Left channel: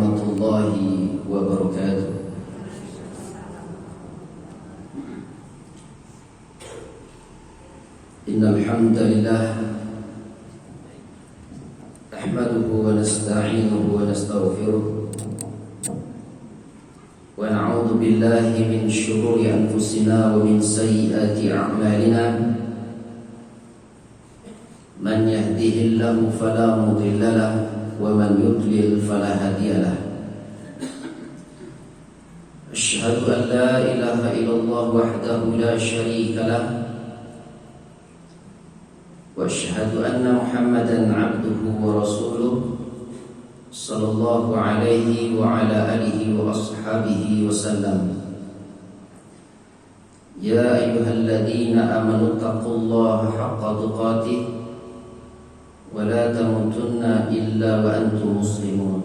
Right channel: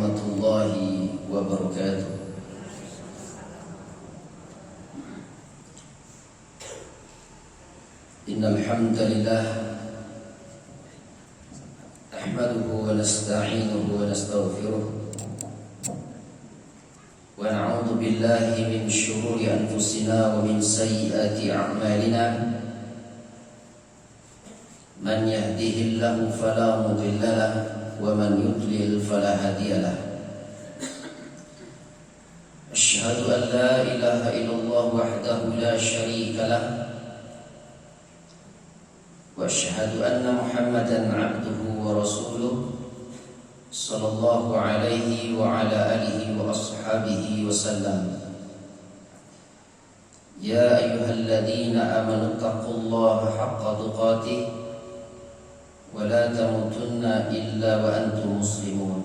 warahmatullahi wabarakatuh. Innal hamdalillah nahmaduhu wa nasta'inuhu wa nastaghfiruh wa na'udzu billahi min shururi anfusina wa min sayyiati a'malina. Man yahdihillahu fala mudilla lahu wa man yudlil fala hadiya lahu. Asyhadu an la ilaha illallah wahdahu la syarika lahu wa asyhadu anna Muhammadan 'abduhu wa rasuluh sallallahu alaihi wa ala alihi wa ashabihi wa sallam. Ya ayyuhalladzina amanu taqullaha haqqa tuqatih wa la tamutunna illa wa antum muslimun.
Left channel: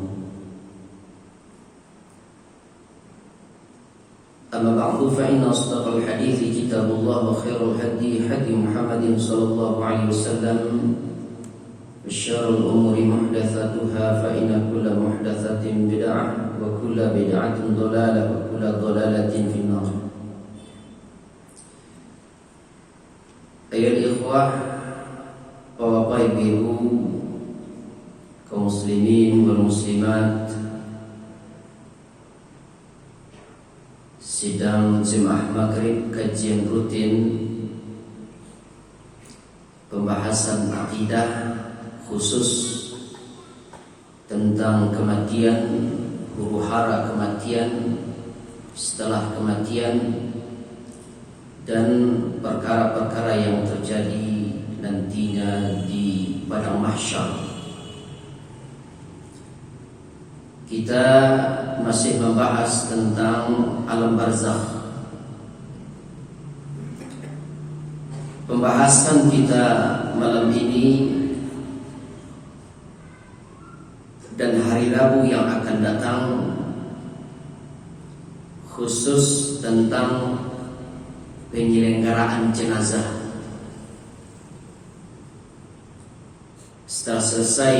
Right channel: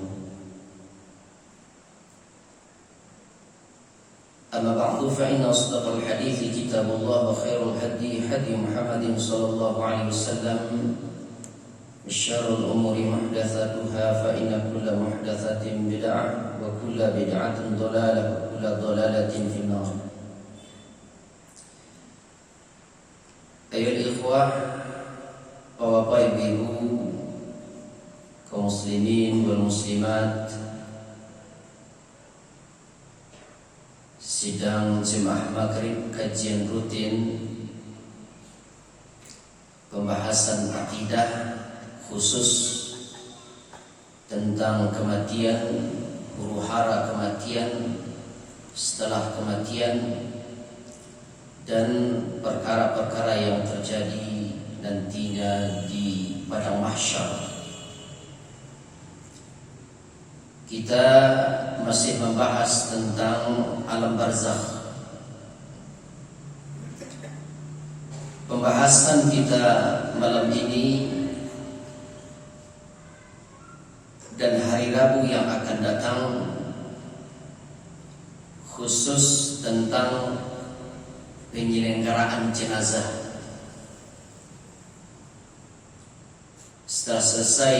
Amma ba'du fa inna asdaqal hadithi kitabullah wa khairul hadi hadi Muhammadin sallallahu alaihi wasallam wa syarrul umuri muhdatsatuha fa inna kulla muhdatsatin bid'ah wa kulla bid'atin dhalalah wa kulla dhalalatin finnar. Ayyuhal ikhwah, Bapak Ibu, kaum muslimin wal muslimat, sidang Jemaah Maghrib kajian rutin pembahasan akidah khusus tentang kematian, huru-hara kematian, setelah kematian, dan perkara-perkara yang terjadi nantinya di padang mahsyar. Kita masih membahas tentang alam barzakh. Pembahasan kita malam ini dan hari Rabu yang akan datang khusus tentang penyelenggaraan jenazah. Setelah selesai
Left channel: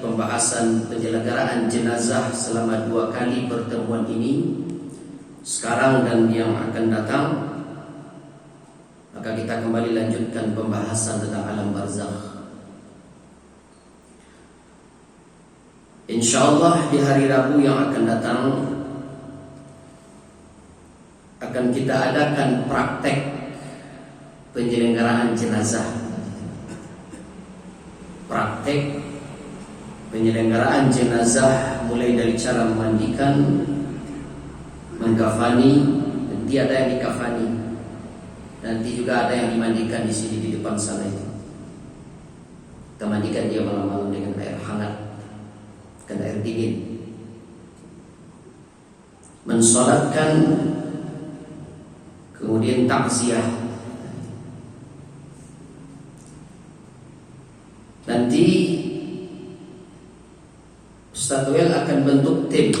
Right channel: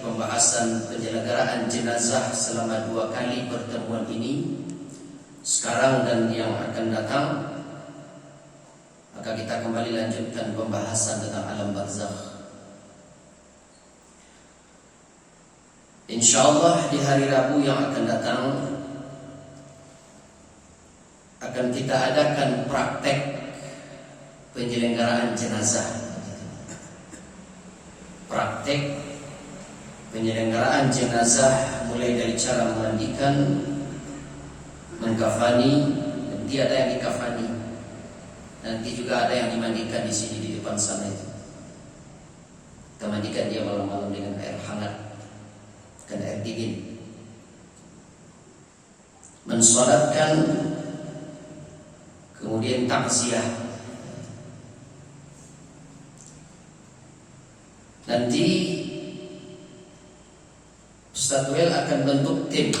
pembahasan penyelenggaraan jenazah selama 2 kali pertemuan ini, sekarang dan yang akan datang, maka kita kembali lanjutkan pembahasan tentang alam barzakh. InsyaAllah di hari Rabu yang akan datang akan kita adakan praktek penyelenggaraan jenazah. Praktek penyelenggaraan jenazah mulai dari cara memandikan, mengkafani, nanti ada yang dikafani, nanti juga ada yang dimandikan di sini di depan sana itu. Kita mandikan dia malam-malam dengan air hangat, bukan air dingin. Mensolatkan, kemudian takziah. Nanti Ustaz Wel akan bentuk tim,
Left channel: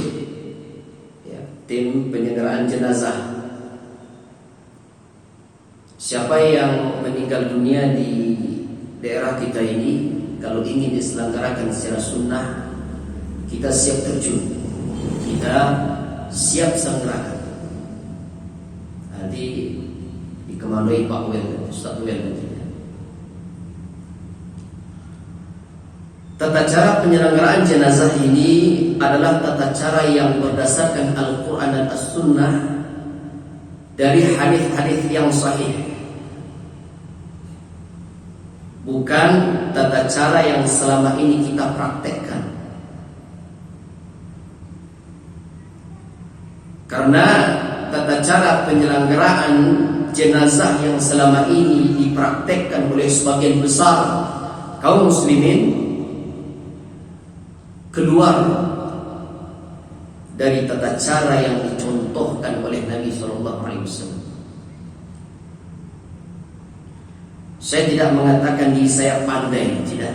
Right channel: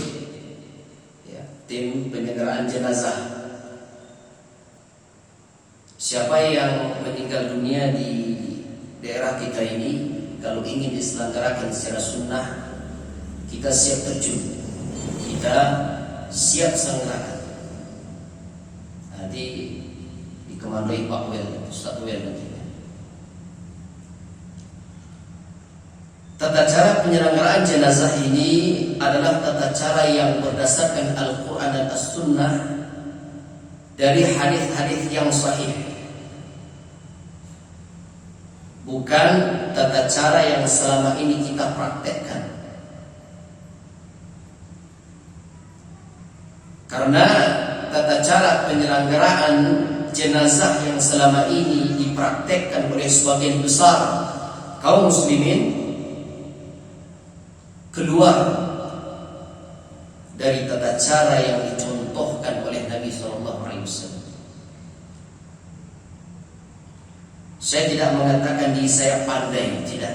ya, tim penyelenggaraan jenazah. Siapa yang meninggal dunia di daerah kita ini, kalau ingin diselenggarakan secara sunnah, kita siap terjun, kita siap selenggarakan. Nanti dikemandoi Pak Wel, Ustaz Wel nanti. Tata cara penyelenggaraan jenazah ini adalah tata cara yang berdasarkan Al-Quran dan As-Sunnah dari hadis-hadis yang sahih, bukan tata cara yang selama ini kita praktekkan. Karena tata cara penyelenggaraan jenazah yang selama ini dipraktekkan oleh sebagian besar kaum muslimin keluar dari tata cara yang dicontohkan oleh Nabi SAW. Saya tidak mengatakan diri saya pandai, tidak.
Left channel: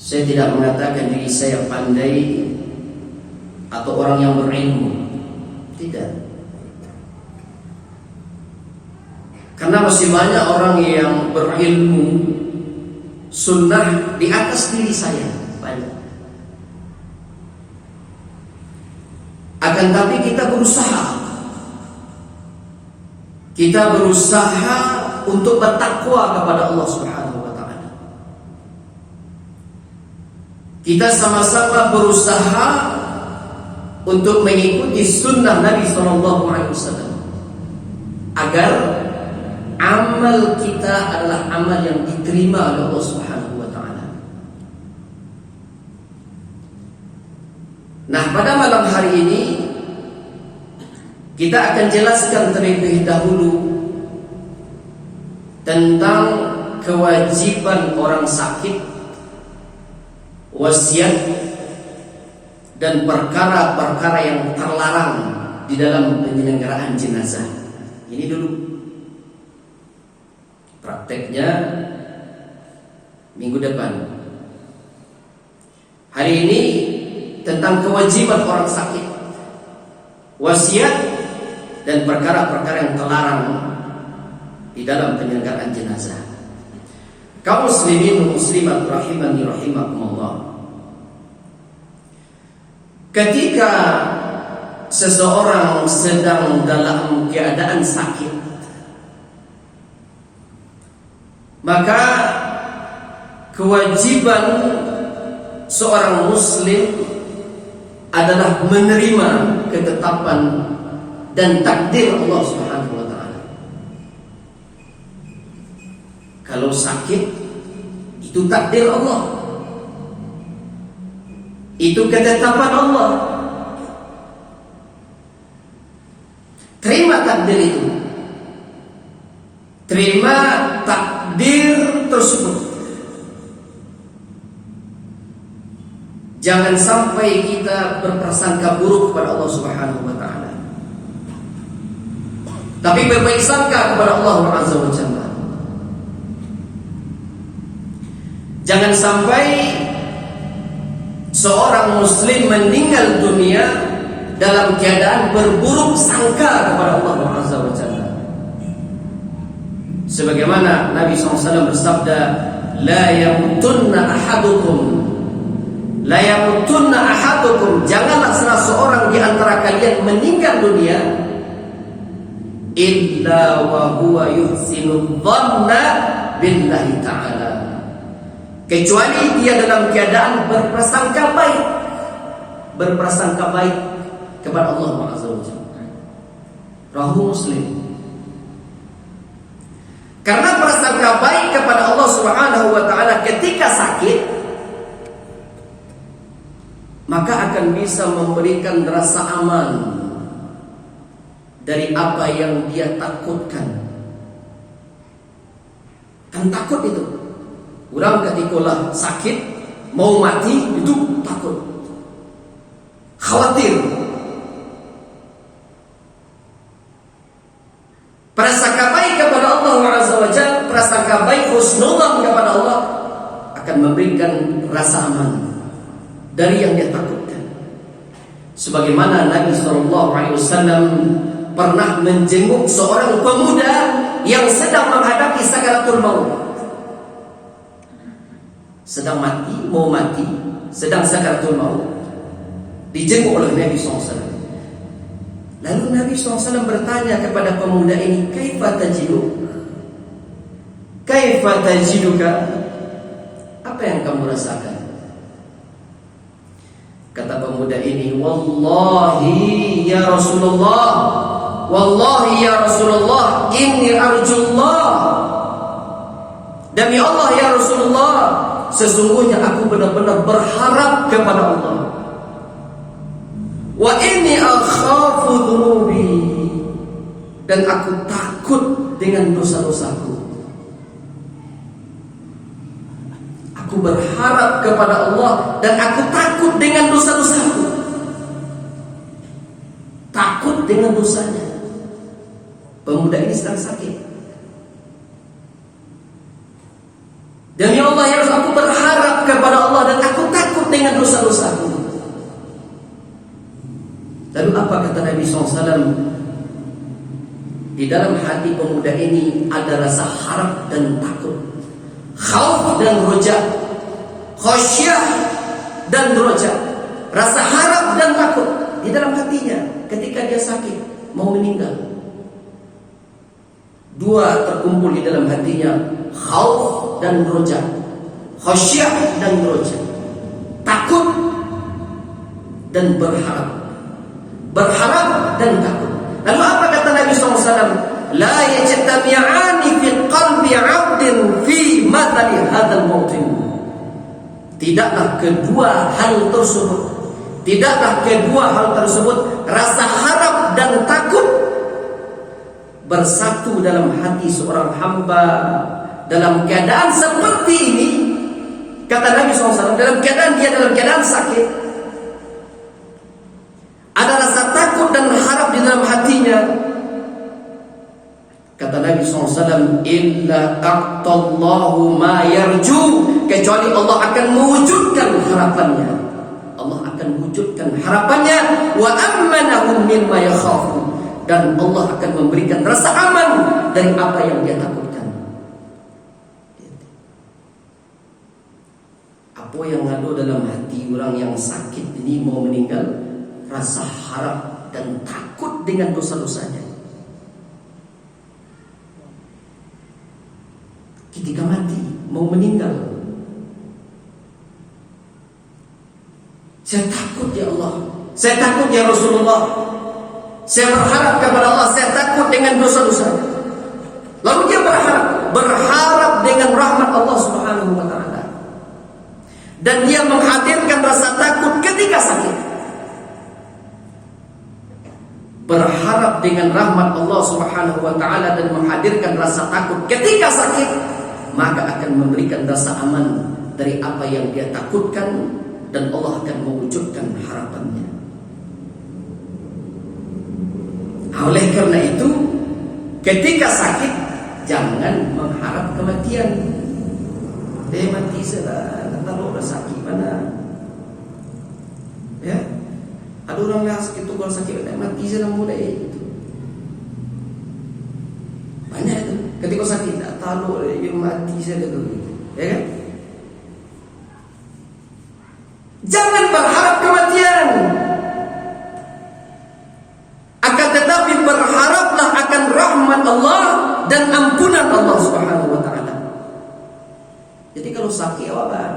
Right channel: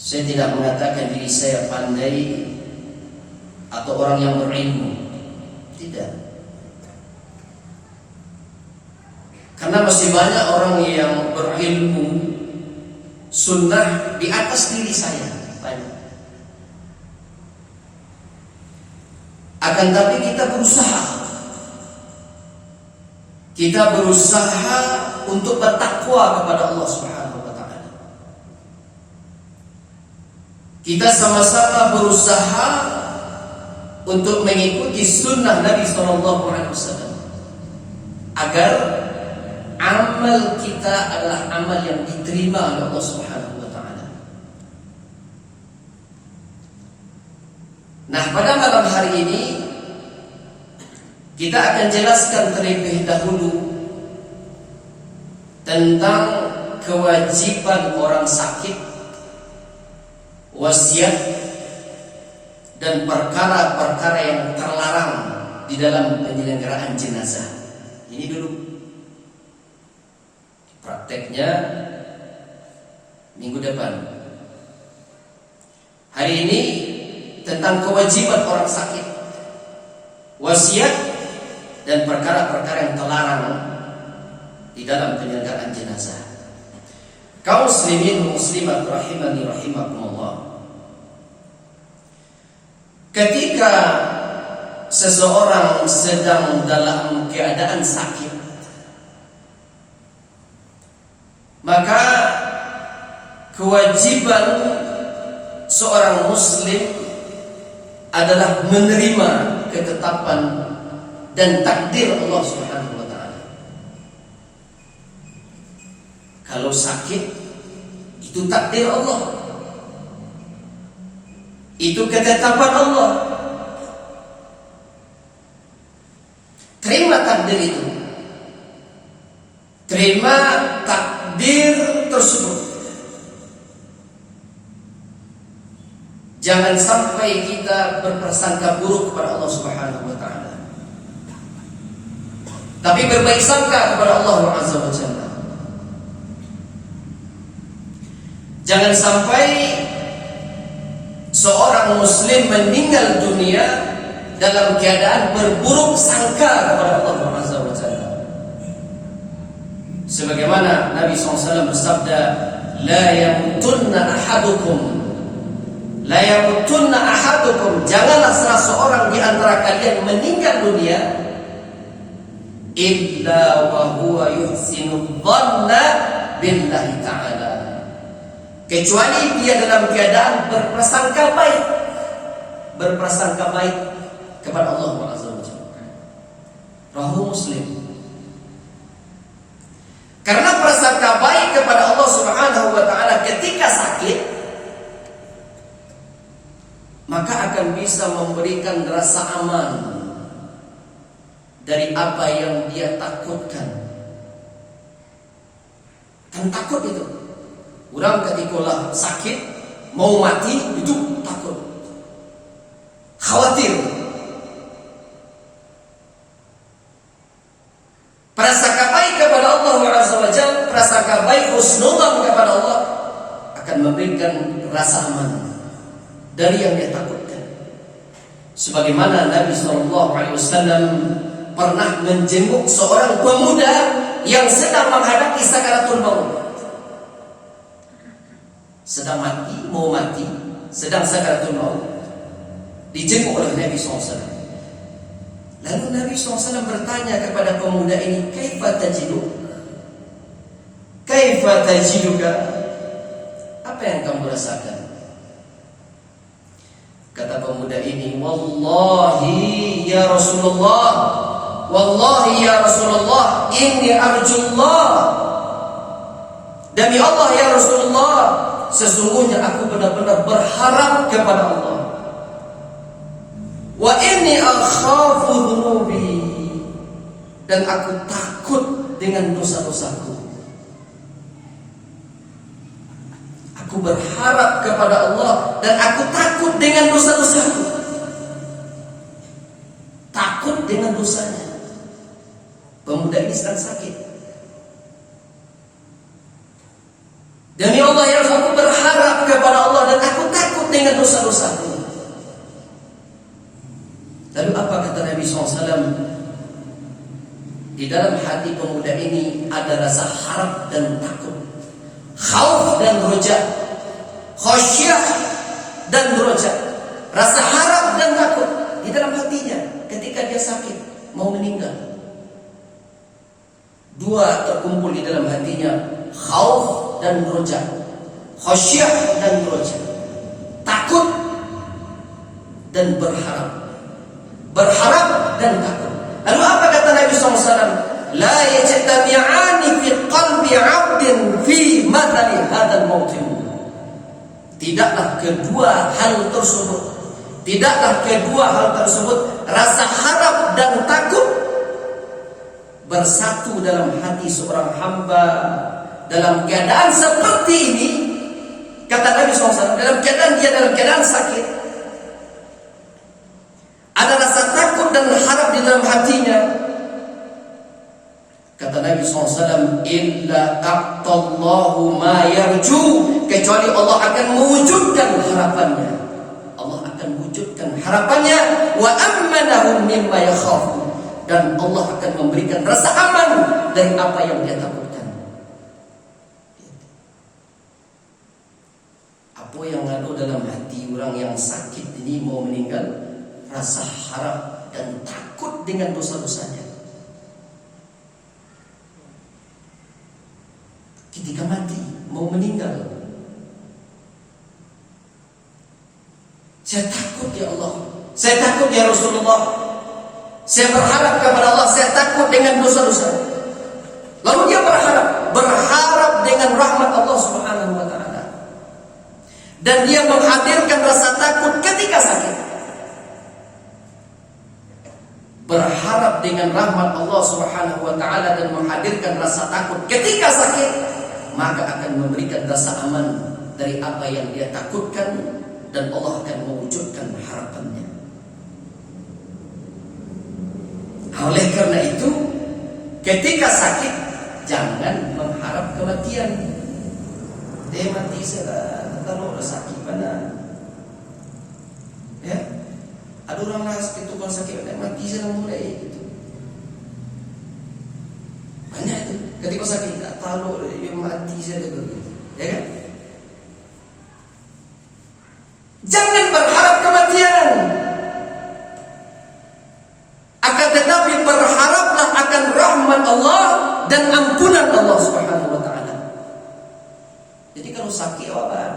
Saya tidak mengatakan diri saya pandai atau orang yang berilmu, tidak. Karena masih banyak orang yang berilmu sunnah di atas diri saya, banyak. Akan tapi kita berusaha. Kita berusaha untuk bertakwa kepada Allah Subhanahu wa taala. Kita sama-sama berusaha untuk mengikuti sunnah Nabi sallallahu alaihi wasallam agar amal kita adalah amal yang diterima oleh Allah Subhanahu wa taala. Nah, pada malam hari ini kita akan jelaskan terlebih dahulu tentang kewajiban orang sakit, wasiat, dan perkara-perkara yang terlarang di dalam penyelenggaraan jenazah. Ini dulu prakteknya minggu depan. Hari ini tentang kewajiban orang sakit, wasiat, dan perkara-perkara yang terlarang di dalam penyelenggaraan jenazah. Kaum muslimin muslimat rahimani rahimakumullah. Ketika seseorang sedang dalam keadaan sakit, maka kewajiban seorang muslim adalah menerima ketetapan dan takdir Allah Subhanahu wa taala. Kalau sakit, itu takdir Allah. Itu ketetapan Allah. Terima takdir itu. Terima takdir tersebut. Jangan sampai kita berprasangka buruk kepada Allah Subhanahu wa taala, tapi berbaik sangka kepada Allah Azza wa Jalla. Jangan sampai seorang muslim meninggal dunia dalam keadaan berburuk sangka kepada Allah Azza wa Jalla. Sebagaimana Nabi SAW bersabda, La yamutunna ahadukum, janganlah salah seorang di antara kalian meninggal dunia illa wa huwa yuhsinu dhanna billahi ta'ala, kecuali dia dalam keadaan berprasangka baik kepada Allah Azza wa Jalla. Rawahu Muslim. Karena prasangka baik kepada Allah Subhanahu wa taala ketika sakit, maka akan bisa memberikan rasa aman dari apa yang dia takutkan. Kan takut itu. Orang ketika sakit mau mati itu takut, khawatir. Prasangka baik kepada Allah Azza wa Jalla, prasangka baik husnudzan kepada Allah akan memberikan rasa aman dari yang dia takutkan. Sebagaimana Nabi SAW pernah menjenguk seorang pemuda yang sedang menghadapi sakaratul maut. Sedang mati, mau mati, sedang sakaratul maut, dijenguk oleh Nabi SAW. Lalu Nabi SAW bertanya kepada pemuda ini, Kaifa tajiduka? Apa yang kamu rasakan? Kata pemuda ini, Wallahi ya Rasulullah, inni arjullah. Demi Allah ya Rasulullah, sesungguhnya aku benar-benar berharap kepada Allah. Wa inni akhafu dhunubi, dan aku takut dengan dosa-dosaku. Aku berharap kepada Allah dan aku takut dengan dosa-dosaku. Takut dengan dosanya. Pemuda ini sedang sakit. Demi Allah ya Rasul, aku berharap kepada Allah dan aku takut dengan dosa-dosaku. Lalu apa kata Nabi SAW? Di dalam hati pemuda ini ada rasa harap dan takut, khauf dan roja, khasyah dan roja, rasa harap dan takut. di dalam hatinya ketika dia sakit mau meninggal. Dua terkumpul di dalam hatinya, khauf dan roja, khasyah dan roja, takut dan berharap, berharap dan takut. Lalu apa kata Nabi SAW? La yajtami'ani fi qalbi 'abdin fi mathali hadzal mautin. Tidaklah kedua hal tersebut, rasa harap dan takut bersatu dalam hati seorang hamba dalam keadaan seperti ini. Kata Nabi SAW, dalam keadaan sakit, ada rasa takut dan harap di dalam hatinya. Kata Nabi SAW, illa aqtallahu ma yarju, kecuali Allah akan mewujudkan harapannya. Allah akan wujudkan harapannya. Wa ammanahum mimma yakhafu, dan Allah akan memberikan rasa aman dari apa yang dia takutkan. Apa yang ada dalam hati orang yang sakit ini mau meninggal? Rasa harap dan takut dengan dosa-dosanya. Ketika mati, mau meninggal, saya takut ya Allah, saya takut ya Rasulullah, saya berharap kepada Allah, saya takut dengan dosa-dosa. Lalu dia berharap dengan rahmat Allah Subhanahu wa ta'ala. Dan dia menghadirkan rasa takut ketika sakit. Berharap dengan rahmat Allah Subhanahu wa ta'ala dan menghadirkan rasa takut ketika sakit, maka akan memberikan rasa aman dari apa yang dia takutkan, dan Allah akan mewujudkan harapannya. Oleh karena itu, ketika sakit jangan mengharap kematian. Dia mati sudah, kalau udah sakit mana? Ya, ada orang lah sakit, kalau sakit dia mati sudah mulai gitu. Banyak itu. Ketika sakit tak tahu dia mati saja gitu. Ya kan? Jangan berharap kematian. Akan tetapi berharaplah akan rahmat Allah dan ampunan Allah Subhanahu wa ta'ala. Jadi kalau sakit apa?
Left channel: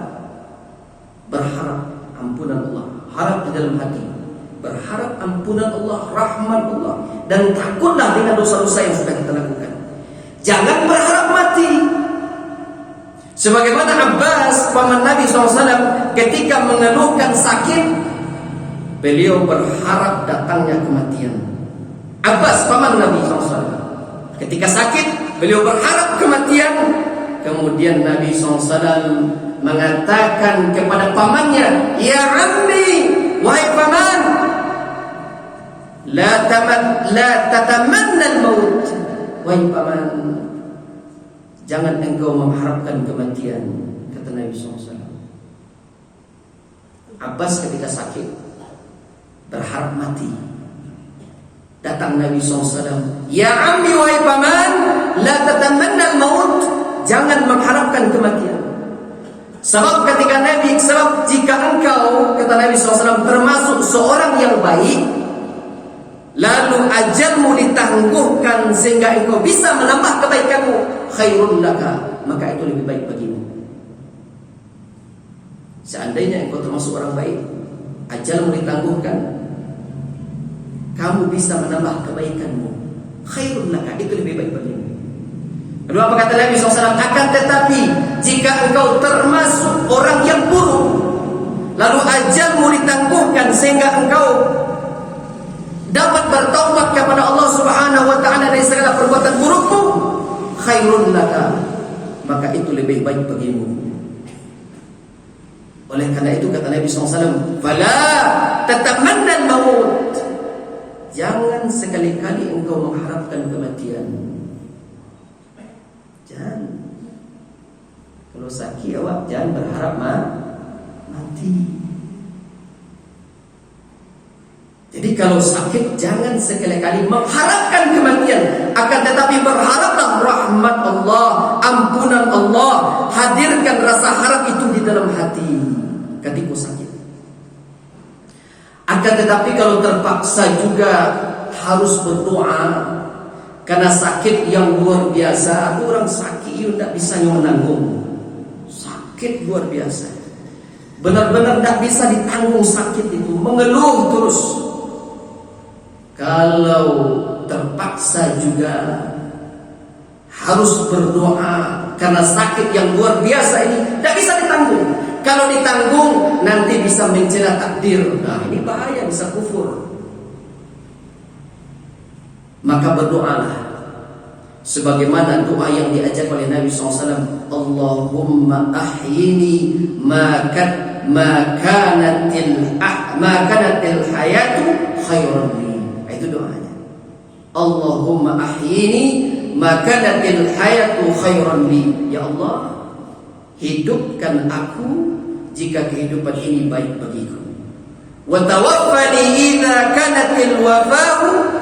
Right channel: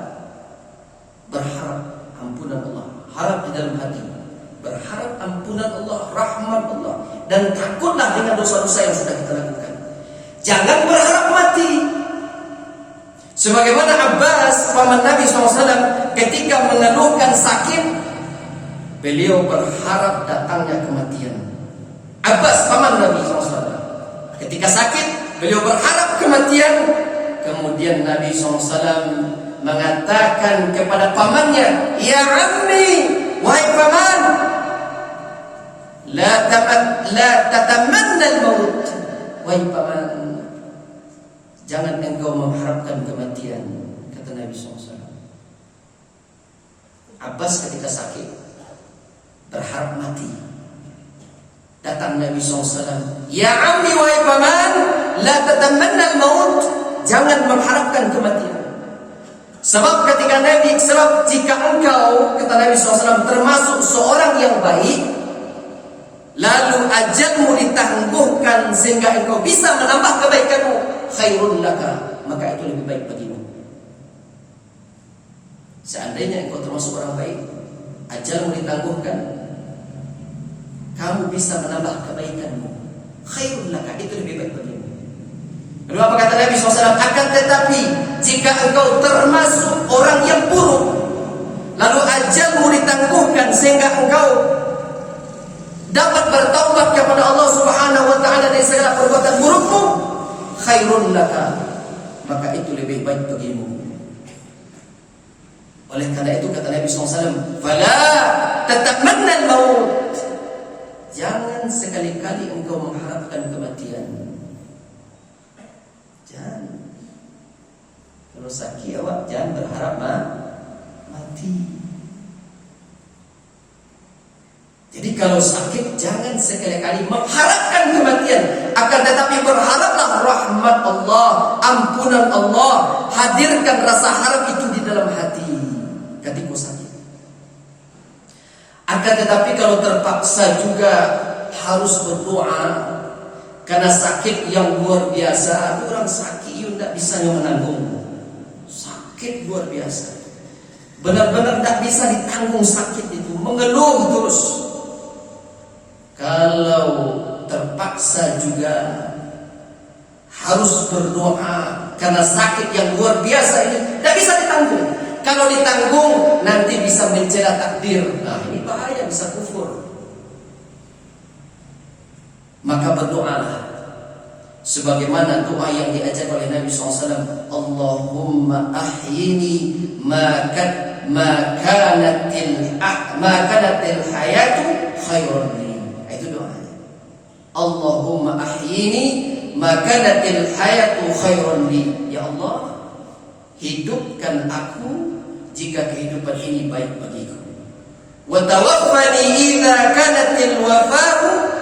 Berharap ampunan Allah, harap di dalam hati, berharap ampunan Allah, rahmat Allah, dan takutlah dengan dosa-dosa yang sudah kita lakukan. Jangan berharap mati. Sebagaimana Abbas paman Nabi SAW ketika mengeluhkan sakit, beliau berharap datangnya kematian. Abbas paman Nabi SAW ketika sakit, beliau berharap kematian. Kemudian Nabi SAW mengatakan kepada pamannya, ya ammi, wahai paman, la tatamanna al-maut. Wahai paman, jangan engkau mengharapkan kematian, kata Nabi SAW. Abbas ketika sakit berharap mati. Datang Nabi SAW, ya ammi, wahai paman, la tatamanna al-maut, jangan mengharapkan kematian. Sebab jika engkau, kata Nabi SAW, termasuk seorang yang baik, lalu ajalmu ditangguhkan sehingga engkau bisa menambah kebaikanmu, khairun laka, maka itu lebih baik bagimu. Seandainya engkau termasuk orang baik, ajalmu ditangguhkan, kamu bisa menambah kebaikanmu, khairun laka, itu lebih baik bagimu. Lalu apa kata Nabi SAW? Akan tetapi jika engkau termasuk orang yang buruk, lalu ajalmu ditangguhkan sehingga engkau dapat bertaubat kepada Allah Subhanahu wa ta'ala dari segala perbuatan burukmu, khairun laka, maka itu lebih baik bagimu. Oleh karena itu kata Nabi SAW, fala tatamanna al-maut, jangan sekali-kali engkau mengharapkan kematian. Jangan. Kalau sakit awak jangan berharap mati. Jadi kalau sakit jangan sekali-kali mengharapkan kematian, akan tetapi berharaplah rahmat Allah, ampunan Allah, hadirkan rasa harap itu di dalam hati ketika sakit. Akan Akan tetapi kalau terpaksa juga harus berdoa karena sakit yang luar biasa. Ada orang sakit itu tidak bisa menanggung. Sakit luar biasa, benar-benar tidak bisa ditanggung sakit itu, mengeluh terus. Kalau terpaksa juga harus berdoa karena sakit yang luar biasa ini tidak bisa ditanggung. Kalau ditanggung nanti bisa mencela takdir. Nah, ini bahaya, bisa kufur. Maka berdoalah sebagaimana doa yang diajak oleh Nabi SAW. Allahumma ahyini ma kanatil hayatu khairan li. Itu doanya. Allahumma ahyini ma kanatil hayatu khairan li. Ya Allah, hidupkan aku jika kehidupan ini baik bagiku. Wa tawaffani idza kanatil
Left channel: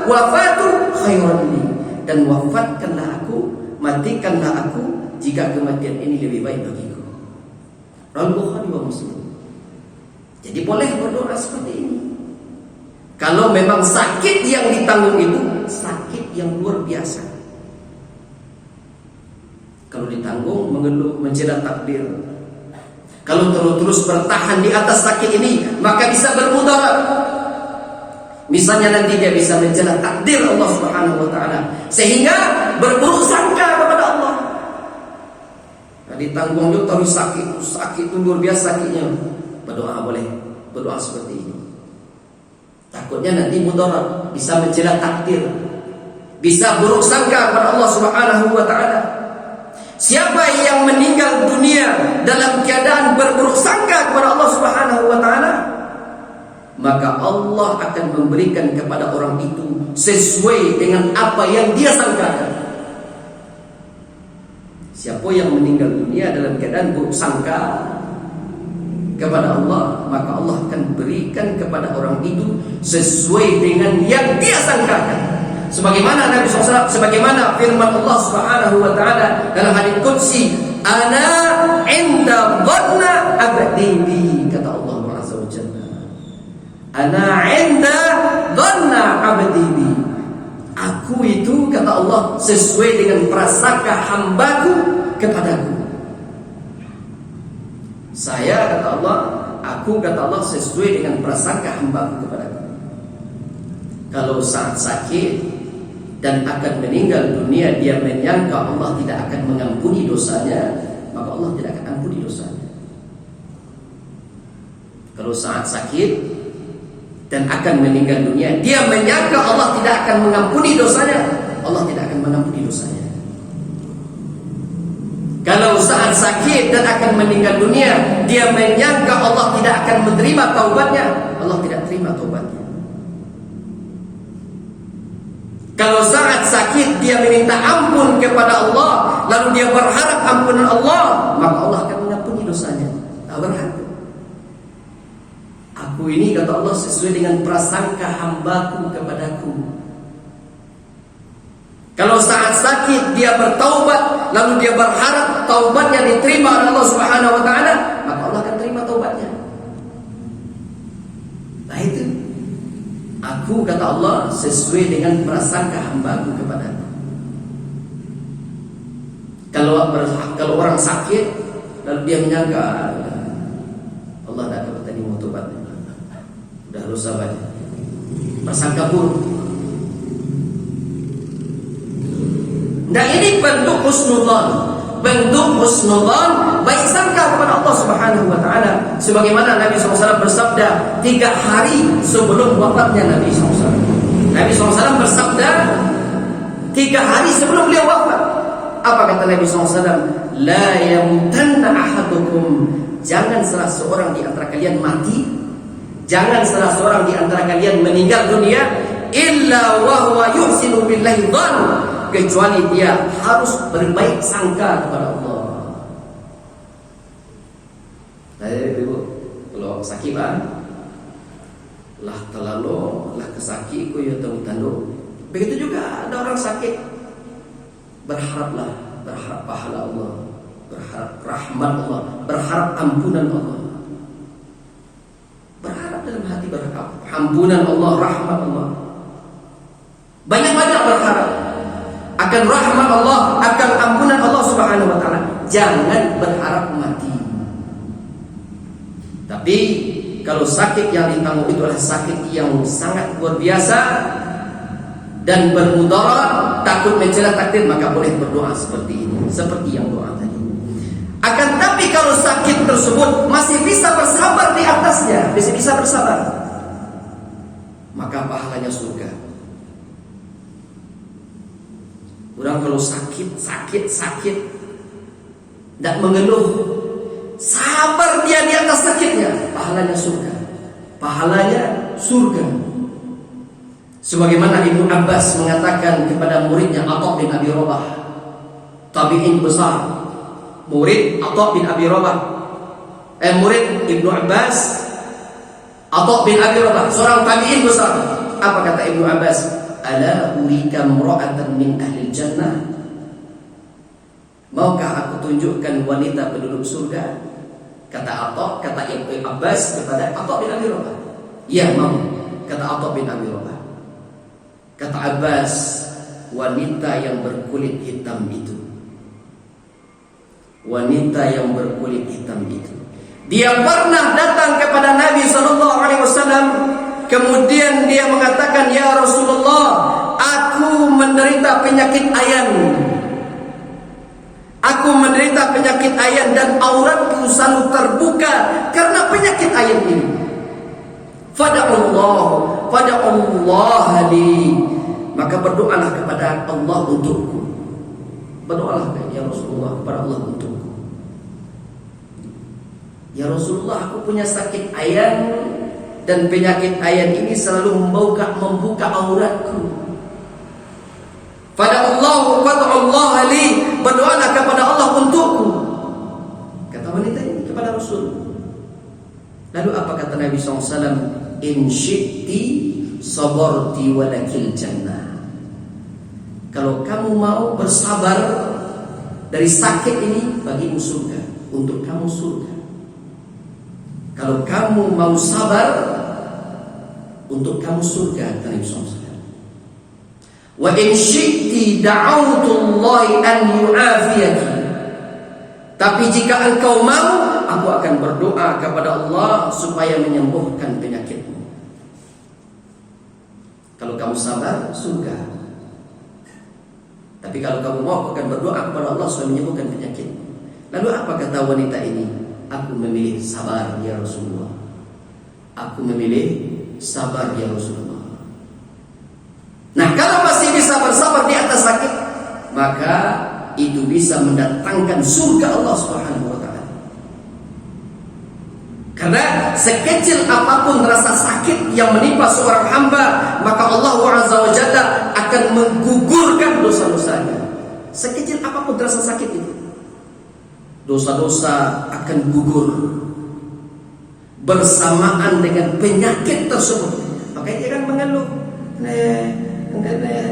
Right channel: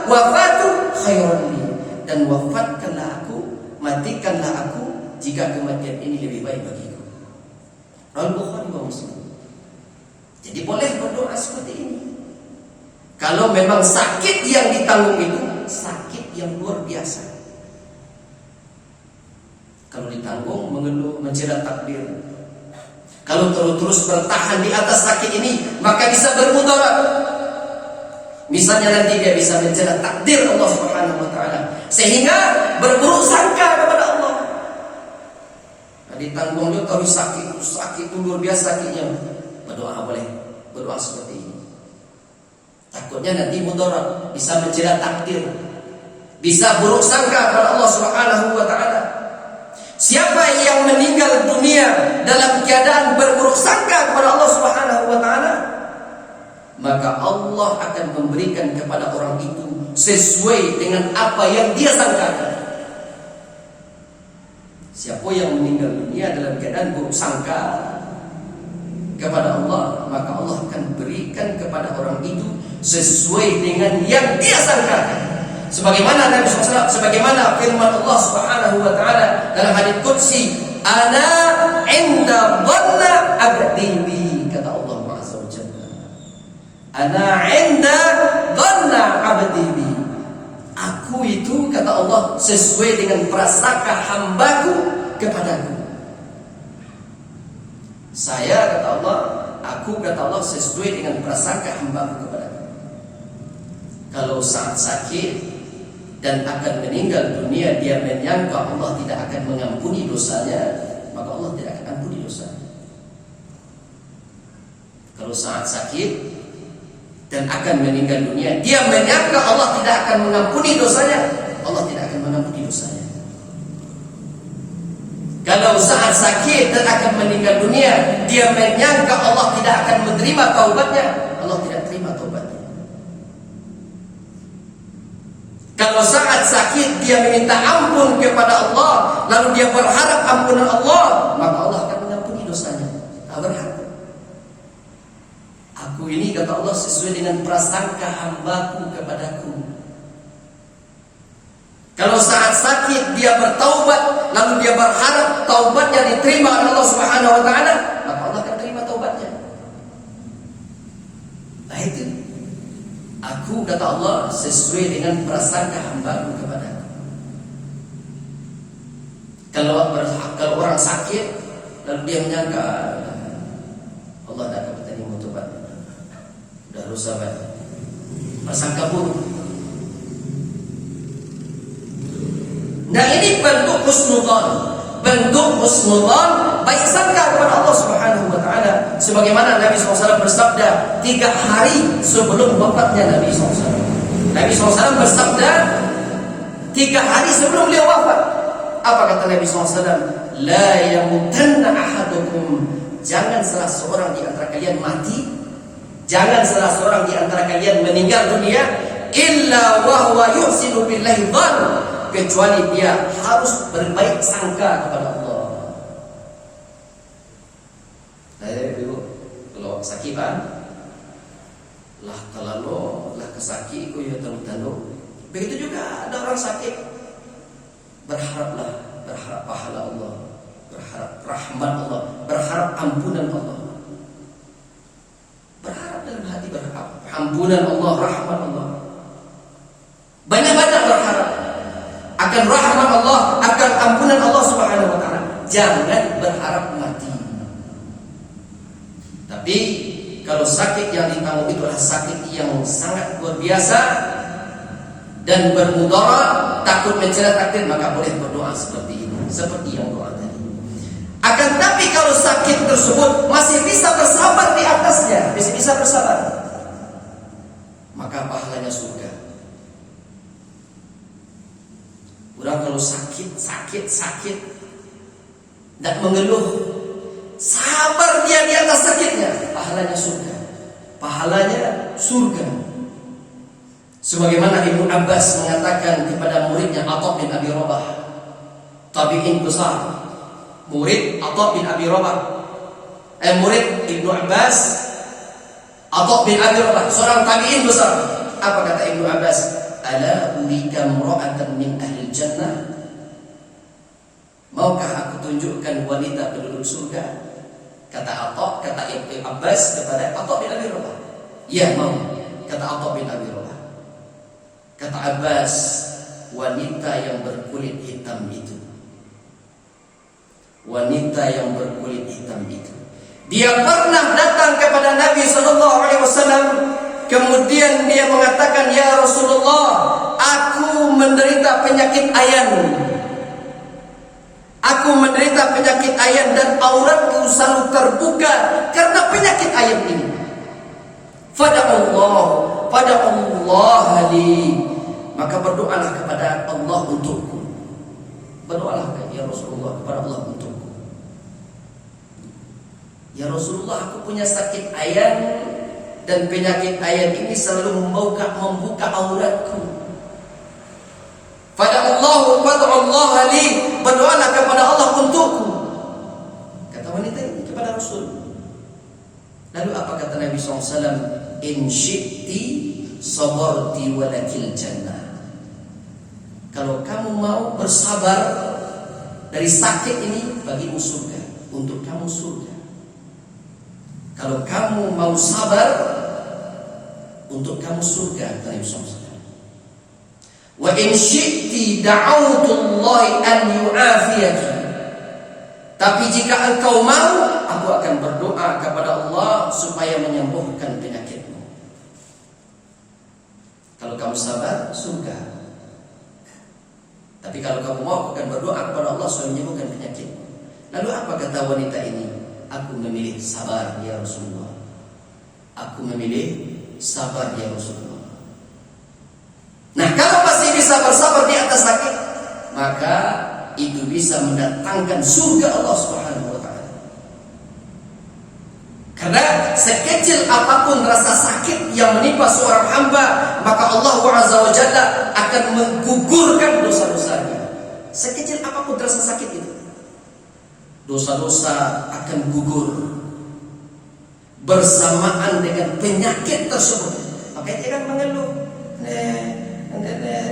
wafatu khairan li. Dan wafatkanlah aku, matikanlah aku jika kematian ini lebih baik bagiku. Al-Bukhari wa Muslim. Jadi boleh berdoa seperti ini. Kalau memang sakit yang ditanggung itu sakit yang luar biasa. Kalau ditanggung mengeluh, mencela takdir. Kalau terus bertahan di atas sakit ini, maka bisa bermudarat. Misalnya nanti dia bisa mencela takdir Allah Subhanahu wa taala sehingga berburuk sangka kepada Allah. Nah, ditanggung juga terus sakit itu luar biasa sakitnya. Berdoa boleh, berdoa seperti ini. Takutnya nanti mudarat, bisa mencela takdir, bisa buruk sangka kepada Allah Subhanahu wa taala. Siapa yang meninggal dunia dalam keadaan berburuk sangka kepada Allah Subhanahu wa taala, maka Allah akan memberikan kepada orang itu sesuai dengan apa yang dia sangkakan. Siapa yang meninggal dunia dalam keadaan buruk sangka kepada Allah, maka Allah akan berikan kepada orang itu sesuai dengan yang dia sangkakan. Sebagaimana Nabi SAW, sebagaimana firman Allah Subhanahu wa taala dalam hadits qudsi, "Ana 'inda dhanna 'abdi bi", kata Allah Azza wa Jalla. "Ana 'inda dhanna 'abdi bi". Aku itu, kata Allah, sesuai dengan prasangka hambaku kepadaku. Saya, kata Allah, aku, kata Allah, sesuai dengan prasangka hambaku kepadaku. Kalau saat sakit dan akan meninggal dunia, dia menyangka Allah tidak akan mengampuni dosanya, maka Allah tidak akan ampuni dosanya. Kalau saat sakit dan akan meninggal dunia, dia menyangka Allah tidak akan mengampuni dosanya, Allah tidak akan mengampuni dosanya. Kalau saat sakit dan akan meninggal dunia, dia menyangka Allah tidak akan menerima taubatnya, Allah tidak terima taubatnya. Kalau saat sakit dia meminta ampun kepada Allah, lalu dia berharap ampunan Allah, maka Allah akan mengampuni dosanya. Berharap. Aku ini, kata Allah, sesuai dengan prasangka hambaku kepadaku. Kalau saat sakit dia bertaubat, lalu dia berharap taubatnya diterima oleh Allah Subhanahu wa taala, maka Allah akan terima taubatnya. Nah itu. Aku, kata Allah, sesuai dengan prasangka hambaku kepadaku. Kalau orang sakit lalu dia menyangka Allah tidak akan menerima taubatnya, sudah rusak banyak, prasangka buruk. Nah ini bentuk husnudzon, baik sangka kepada Allah Subhanahu wa taala. Sebagaimana Nabi SAW bersabda 3 hari sebelum wafatnya Nabi SAW. Nabi SAW bersabda 3 hari sebelum beliau wafat. Apa kata Nabi SAW? La yamutanna ahadukum, jangan salah seorang di antara kalian mati, jangan salah seorang di antara kalian meninggal dunia illa wa huwa yuhsinu billahi dhann, kecuali dia harus berbaik sangka kepada Allah. Jadi ibu, kalau sakit kan, lah terlalu, lah kesakit ku ya tahu. Begitu juga ada orang sakit, berharaplah, berharap pahala Allah, berharap rahmat Allah, berharap ampunan Allah. Berharap dalam hati berharap ampunan Allah, rahmat Allah. Banyak-banyak berharap akan rahmat Allah, akan ampunan Allah Subhanahu wa taala. Jangan berharap mati. Tapi kalau sakit yang ditanggung itu adalah sakit yang sangat luar biasa dan bermudarat, takut mencela takdir, maka boleh berdoa seperti ini, seperti yang doa tadi. Akan tapi kalau sakit tersebut masih bisa bersabar di atasnya, masih bisa bersabar, maka pahalanya surga. Orang kalau sakit, tidak mengeluh, sabar dia di atas sakitnya, pahalanya surga. Pahalanya surga. Sebagaimana Ibnu Abbas mengatakan kepada muridnya Atha bin Abi Rabah, tabi'in besar, murid Atha bin Abi Rabah, murid Ibnu Abbas, Atha bin Abi Rabah, seorang tabi'in besar. Apa kata Ibnu Abbas? Ala urika imra'atan min ahli jannah. Maukah aku tunjukkan wanita penduduk surga? Kata Ibnu Abbas kepada Atha bin Abi Rabah. Ya, mau. Kata Atha bin Abi Rabah. Kata Abbas, wanita yang berkulit hitam itu. Wanita yang berkulit hitam itu. Dia pernah datang kepada Nabi SAW. Kemudian dia mengatakan, ya Rasulullah, aku menderita penyakit ayan. Aku menderita penyakit ayan dan auratku selalu terbuka karena penyakit ayan ini. Fada'allah li. Maka berdoalah kepada Allah untukku. Berdoalah ya Rasulullah kepada Allah untukku. Ya Rasulullah, aku punya sakit ayan dan penyakit ayan ini selalu membuka auratku. Fada'allah li. Berdoalah kepada Allah untukku. Kata wanita ini kepada Rasul. Lalu apa kata Nabi SAW? In syi'ti sabarti walakil jannah. Kalau kamu mau bersabar dari sakit ini, bagimu surga, untuk kamu surga. Kalau kamu mau sabar, untuk kamu surga, kata Nabi SAW. Wa in syi'ti da'autullahi an yu'afiyaki. Tapi jika engkau mau, aku akan berdoa kepada Allah supaya menyembuhkan penyakitmu. Kalau kamu sabar, surga. Tapi kalau kamu mau, aku akan berdoa kepada Allah supaya menyembuhkan penyakitmu. Lalu apa kata wanita ini? Aku memilih sabar ya Rasulullah. Aku memilih sabar ya Rasulullah. Nah, kalau masih bisa bersabar di atas sakit, maka itu bisa mendatangkan surga Allah Subhanahu wa taala. Karena sekecil apapun rasa sakit yang menimpa seorang hamba, maka Allah Azza wa Jalla akan menggugurkan dosa-dosanya. Sekecil apapun rasa sakit itu, dosa-dosa akan gugur bersamaan dengan penyakit tersebut. Makanya jangan mengeluh.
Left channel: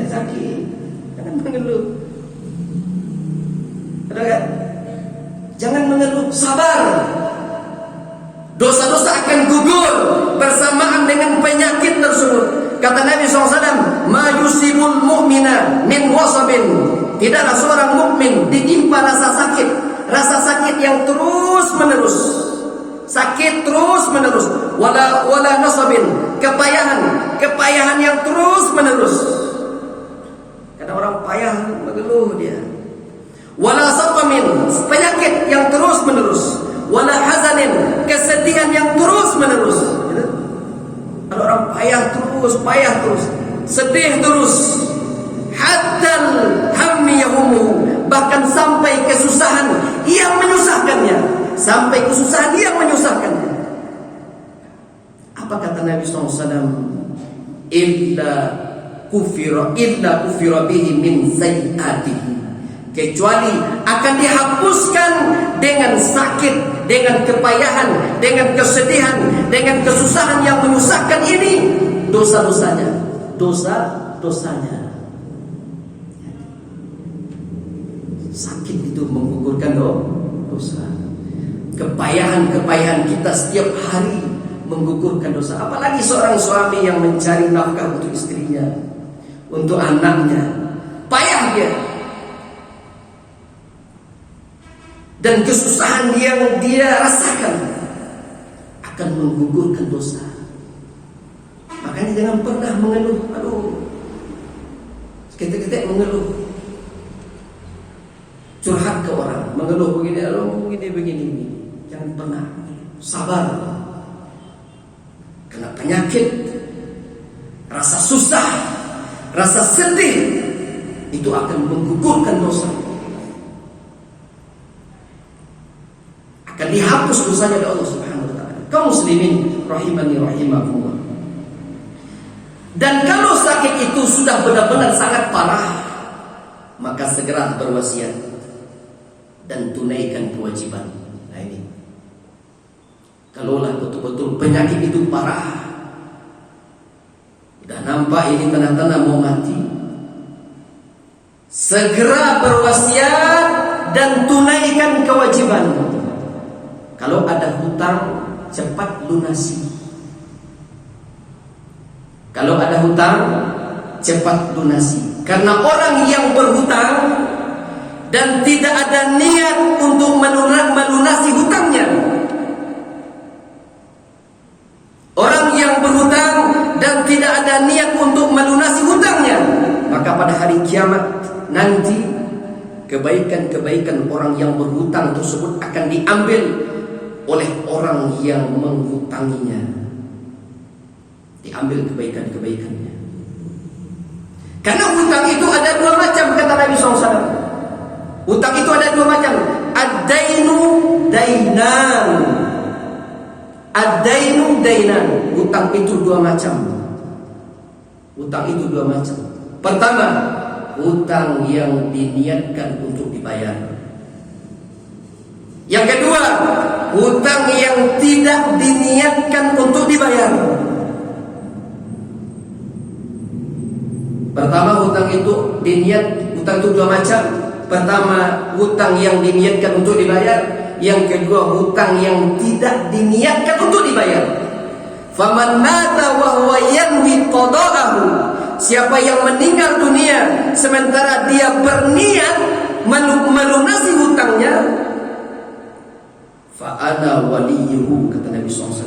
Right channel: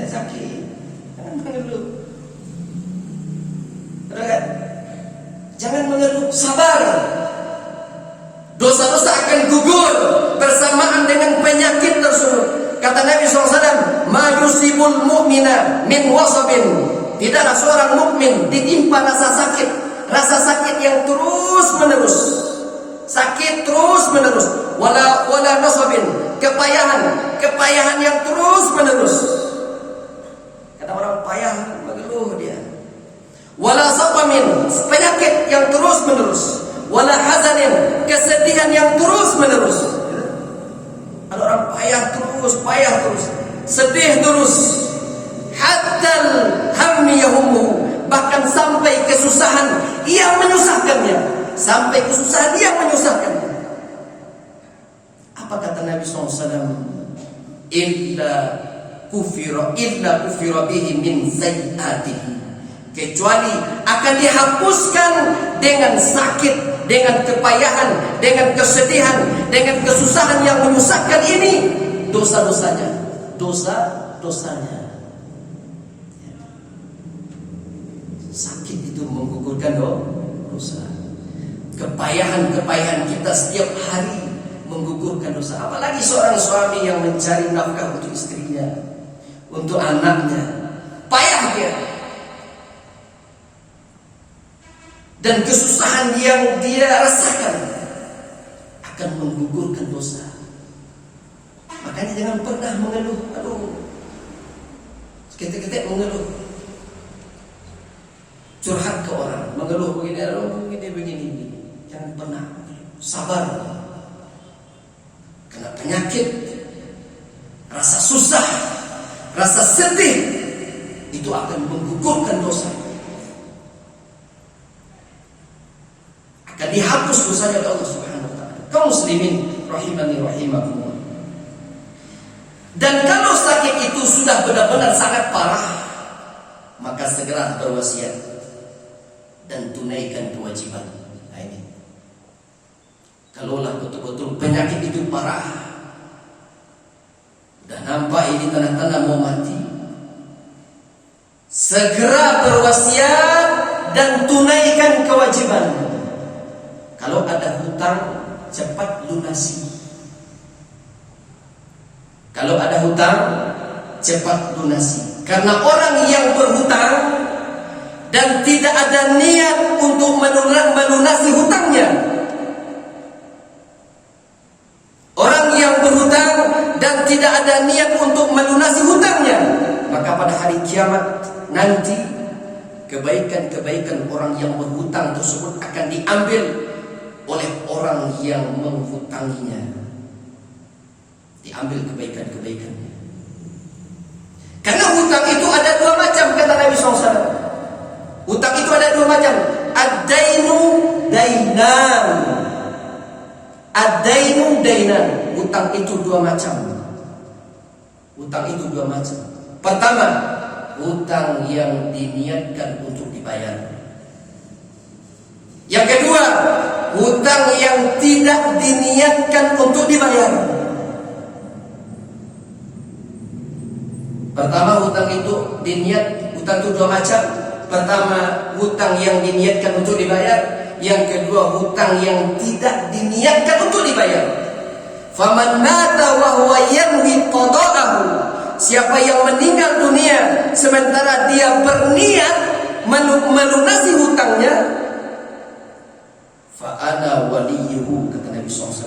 Sakit, jangan mengeluh. Jangan mengeluh, sabar. Dosa-dosa akan gugur bersamaan dengan penyakit tersebut. Kata Nabi SAW, ma yusibul mu'mina min wasabin. Tidaklah seorang mukmin ditimpa rasa sakit yang terus menerus. Sakit terus menerus. Wala nasabin, kepayahan yang terus menerus. Kata orang payah mengeluh dia. Wala saqamin, penyakit yang terus menerus. Wala hazanin, kesedihan yang terus menerus. Ada orang payah terus, sedih terus. Hatta hammi yahumuhu, bahkan sampai kesusahan yang menyusahkannya. Apa kata Nabi SAW? Illa kufira bihi min sayyi'atihi. Kecuali akan dihapuskan dengan sakit, dengan kepayahan, dengan kesedihan, dengan kesusahan yang menyusahkan ini dosa-dosanya. Sakit itu menggugurkan dosa. Kepayahan kita setiap hari menggugurkan dosa. Apalagi seorang suami yang mencari nafkah untuk istrinya, untuk anaknya, payah dia, dan kesusahan yang dia rasakan akan menggugurkan dosa. Makanya jangan pernah mengeluh. Aduh, ketik-ketik mengeluh, curhat ke orang, mengeluh begini, begini. Jangan pernah. Sabar. Kena penyakit, rasa susah, rasa sedih, itu akan menggugurkan dosa. Akan dihapus dosanya oleh Allah Subhanahu wa taala. Kaum muslimin rahimani rahimakumullah. Dan kalau sakit itu sudah benar-benar sangat parah, maka segera berwasiat dan tunaikan kewajiban. Nah ini, kalaulah betul-betul penyakit itu parah, udah nampak ini tanda-tanda mau mati, segera berwasiat dan tunaikan kewajiban. Kalau ada hutang, cepat lunasi. Kalau ada hutang, cepat lunasi. Karena orang yang berhutang dan tidak ada niat untuk melunasi hutangnya, orang yang berhutang dan tidak ada niat untuk melunasi hutangnya, maka pada hari kiamat nanti kebaikan-kebaikan orang yang berhutang tersebut akan diambil oleh orang yang menghutanginya. Diambil kebaikan-kebaikannya. Karena hutang itu ada dua macam, kata Nabi SAW. Hutang itu ada dua macam. Ad-dainu dainan. Ad-dainu dainan. Hutang itu dua macam. Hutang itu dua macam. Pertama, hutang yang diniatkan untuk dibayar. Yang kedua, hutang yang tidak diniatkan untuk dibayar. Pertama, hutang itu hutang itu dua macam. Pertama, hutang yang diniatkan untuk dibayar. Yang kedua, hutang yang tidak diniatkan untuk dibayar. Faman mata wa huwa yanwi qada'ahu. Siapa yang meninggal dunia sementara dia berniat melunasi hutangnya, fa ana waliyuhu, kata Nabi SAW,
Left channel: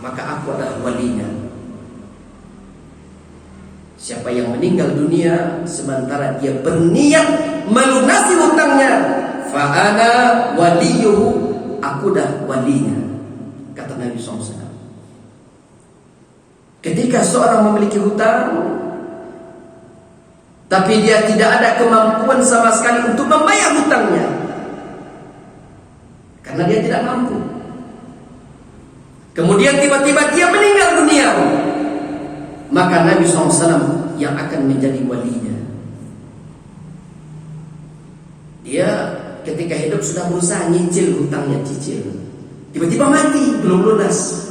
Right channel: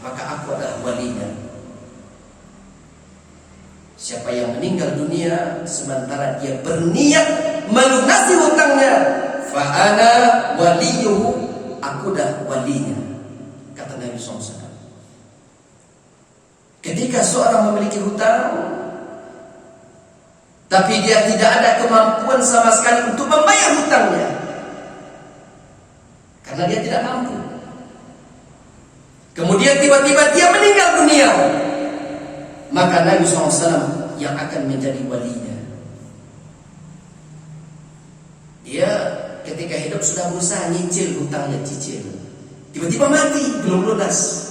maka aku adalah walinya. Siapa yang meninggal dunia sementara dia berniat melunasi hutangnya, fa ana waliyuhu, aku dah walinya, kata Nabi SAW. Ketika seorang memiliki hutang tapi dia tidak ada kemampuan sama sekali untuk membayar hutangnya, karena dia tidak mampu, kemudian tiba-tiba dia meninggal dunia, maka Nabi SAW yang akan menjadi walinya. Dia ketika hidup sudah berusaha nyicil hutangnya, cicil, tiba-tiba mati belum lunas.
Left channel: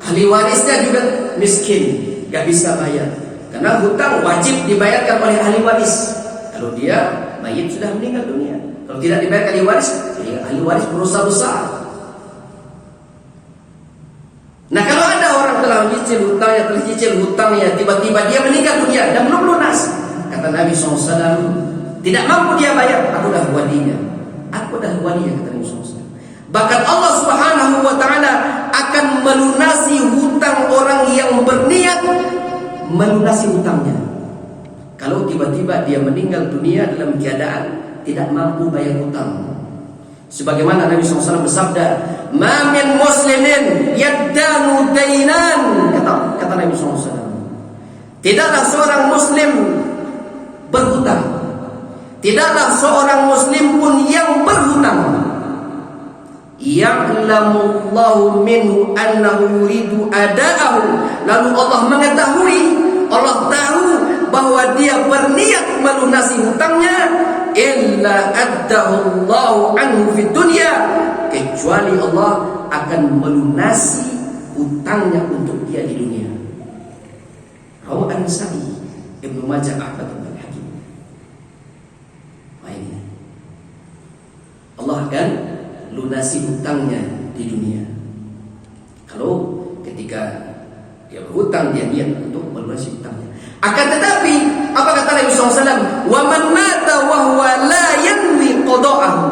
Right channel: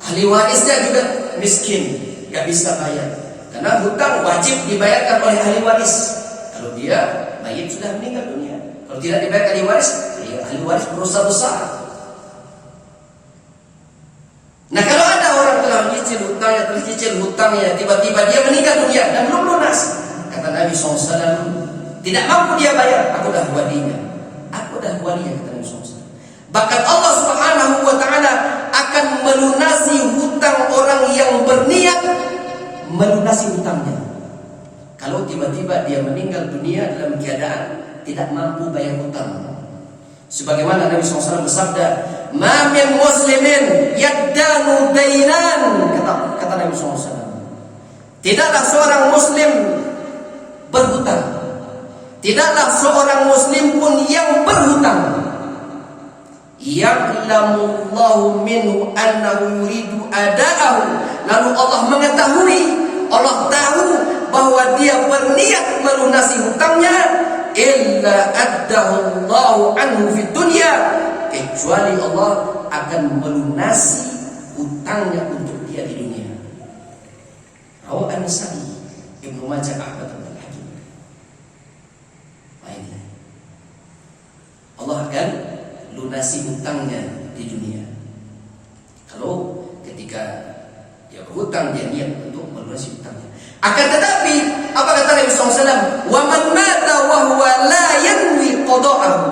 Ahli warisnya juga miskin, gak bisa bayar, karena hutang wajib dibayarkan oleh ahli waris. Kalau dia mayit sudah meninggal dunia, kalau tidak dibayar ahli waris berusaha besar. Nah, kalau ada orang telah cicil hutangnya, tiba-tiba dia meninggal dunia dan belum lunas, kata Nabi SAW, tidak mampu dia bayar, aku dah walinya. Aku dah walinya, kata Nabi SAW. Bahkan Allah Subhanahu wa ta'ala akan melunasi hutang orang yang berniat melunasi hutangnya. Kalau tiba-tiba dia meninggal dunia dalam keadaan tidak mampu bayar hutang. Sebagaimana Nabi SAW bersabda, "Ma min muslimin yaddanu dainan," kata Nabi SAW. Tidaklah seorang muslim berhutang. Tidaklah seorang muslim pun yang berhutang. Ya'lamullahu minhu annahu yuridu ada'ahu. Lalu Allah mengetahui, Allah tahu bahwa dia berniat melunasi hutangnya, illa addahu Allahu anhu fid dunya, kecuali Allah akan melunasi hutangnya untuk dia di dunia. Rawi An-Nasa'i, Ibnu Majah, Ahmad bin Hakim. Ini Allah akan lunasi hutangnya di dunia. Kalau Dia berhutang, dia niat untuk melunasi hutangnya. Akan tetapi apa kata Nabi SAW? Wa man mata wa huwa la yanwi qada'ahu.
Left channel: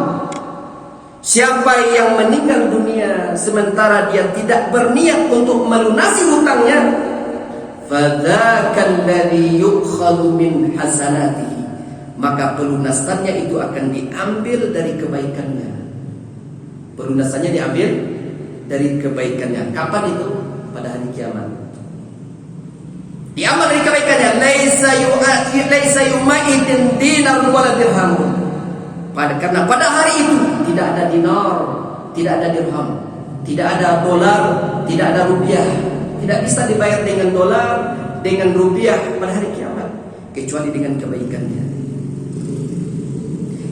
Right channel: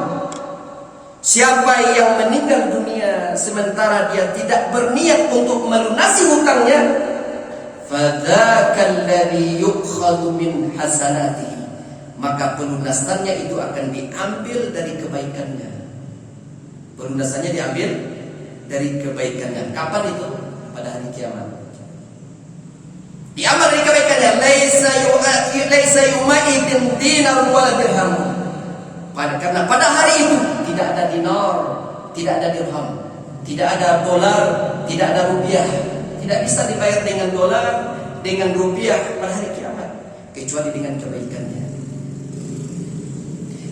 Siapa yang meninggal dunia sementara dia tidak berniat untuk melunasi hutangnya, fadzakal ladzi yu'khadhu min hasanatihi, maka pelunasannya itu akan diambil dari kebaikannya. Pelunasannya diambil dari kebaikannya. Kapan itu? Pada hari kiamat. Diambil dari kebaikannya. Laisa yumaidin dinar wala dirhamun. Karena pada hari itu tidak ada dinar, tidak ada dirham, tidak ada dolar, tidak ada rupiah. Tidak bisa dibayar dengan dolar, dengan rupiah pada hari kiamat, kecuali dengan kebaikannya.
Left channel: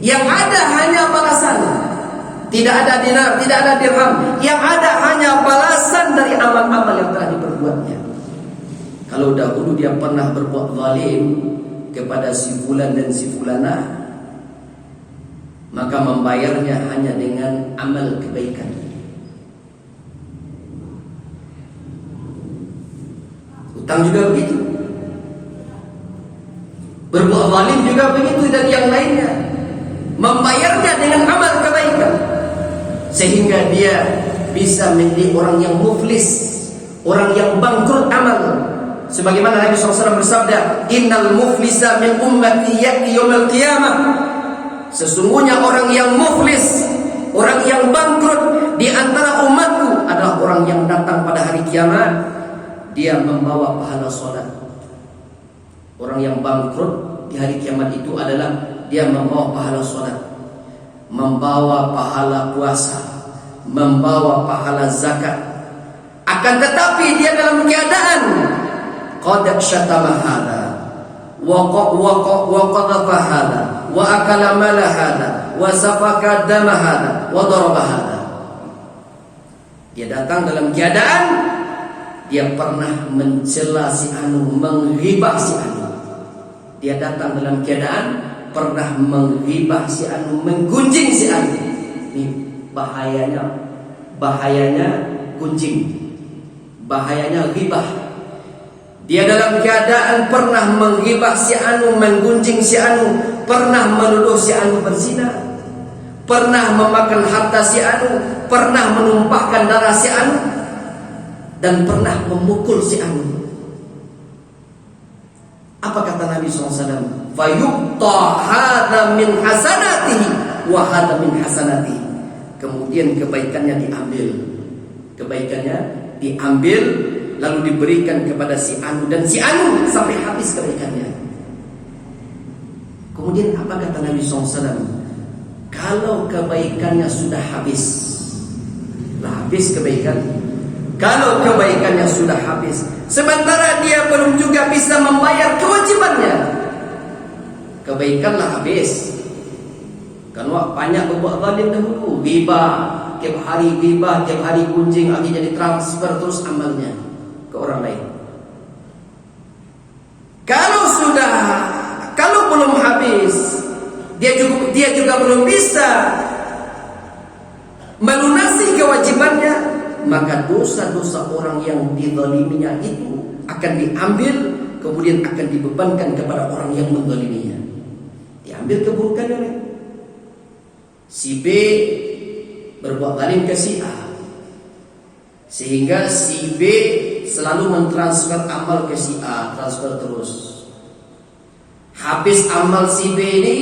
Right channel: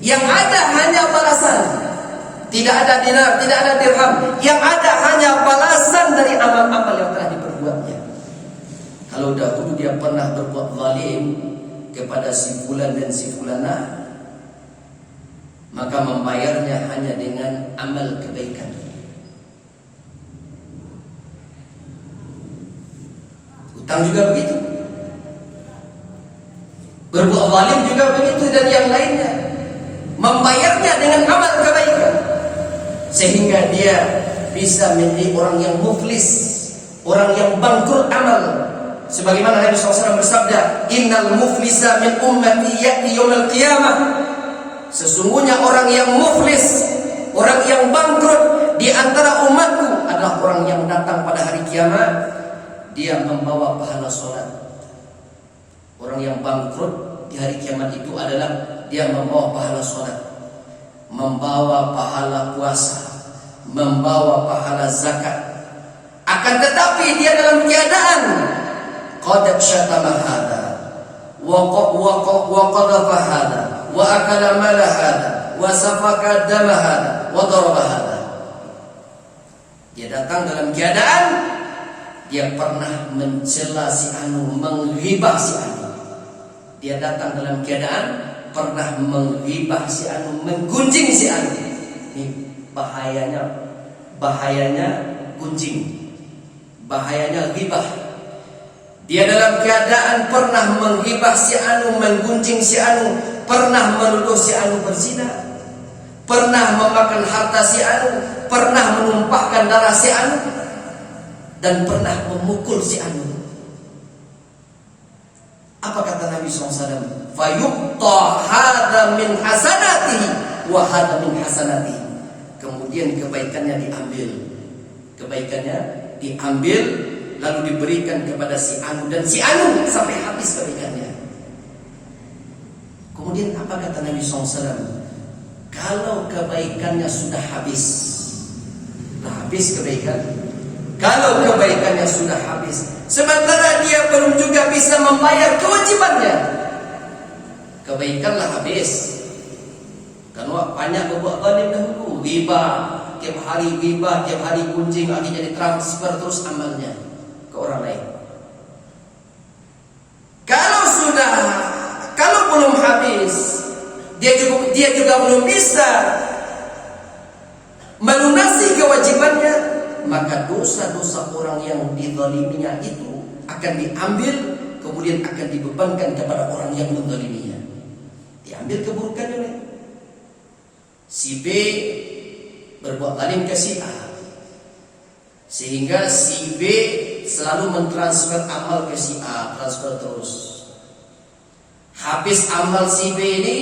Yang ada hanya balasan. Tidak ada dinar, tidak ada dirham. Yang ada hanya balasan dari amal-amal yang telah diperbuatnya. Kalau dahulu dia pernah berbuat zalim kepada si fulan dan si fulanah, maka membayarnya hanya dengan amal kebaikan. Hutang juga begitu. Berbuat zalim juga begitu, dan yang lainnya. Membayarnya dengan amal kebaikan, sehingga dia bisa menjadi orang yang muflis, orang yang bangkrut amal. Sebagaimana Nabi SAW bersabda, Innal muflisa min ummati ya'ti yawmal qiyamah. Sesungguhnya orang yang muflis, orang yang bangkrut di antara umatku adalah orang yang datang pada hari kiamat, dia membawa pahala sholat. Orang yang bangkrut di hari kiamat itu adalah dia membawa pahala sholat, membawa pahala puasa, membawa pahala zakat. Akan tetapi dia dalam keadaan qad syatama hada wa qadhafa hada wa akala mala hada wa safaka dama hada wa daraba hada. Dia datang dalam keadaan dia pernah mencela si anu, menghibah si anu. Dia datang dalam keadaan pernah menghibah si anu, menggunjing si anu. Ini bahayanya gunjing, bahayanya ghibah. Dia dalam keadaan pernah menghibah si anu, menggunjing si anu, pernah menuduh si anu berzina, pernah memakan harta si anu, pernah menumpahkan darah si anu, dan pernah memukul si anu. Apa kata Nabi SAW? Fayuqta hadha min hasanatihi wa hadha min hasanatihi. Kemudian kebaikannya diambil, lalu diberikan kepada si anu dan si anu sampai habis kebaikannya. Kemudian apa kata Nabi SAW? Kalau kebaikannya sudah habis, kebaikan. Kalau kebaikannya sudah habis, sementara dia belum juga bisa membayar kewajibannya, kebaikanlah habis. Karena banyak berbuat zalim dahulu, ghibah, tiap hari gunjing, akhirnya ditransfer terus amalnya ke orang lain. Kalau belum habis, dia juga belum bisa melunasi kewajibannya, maka dosa-dosa orang yang dizaliminya itu akan diambil, kemudian akan dibebankan kepada orang yang menzaliminya. Diambil keburukannya oleh si B, berbuat zalim ke si A, sehingga si B selalu mentransfer amal ke si A, transfer terus. Habis amal si B ini,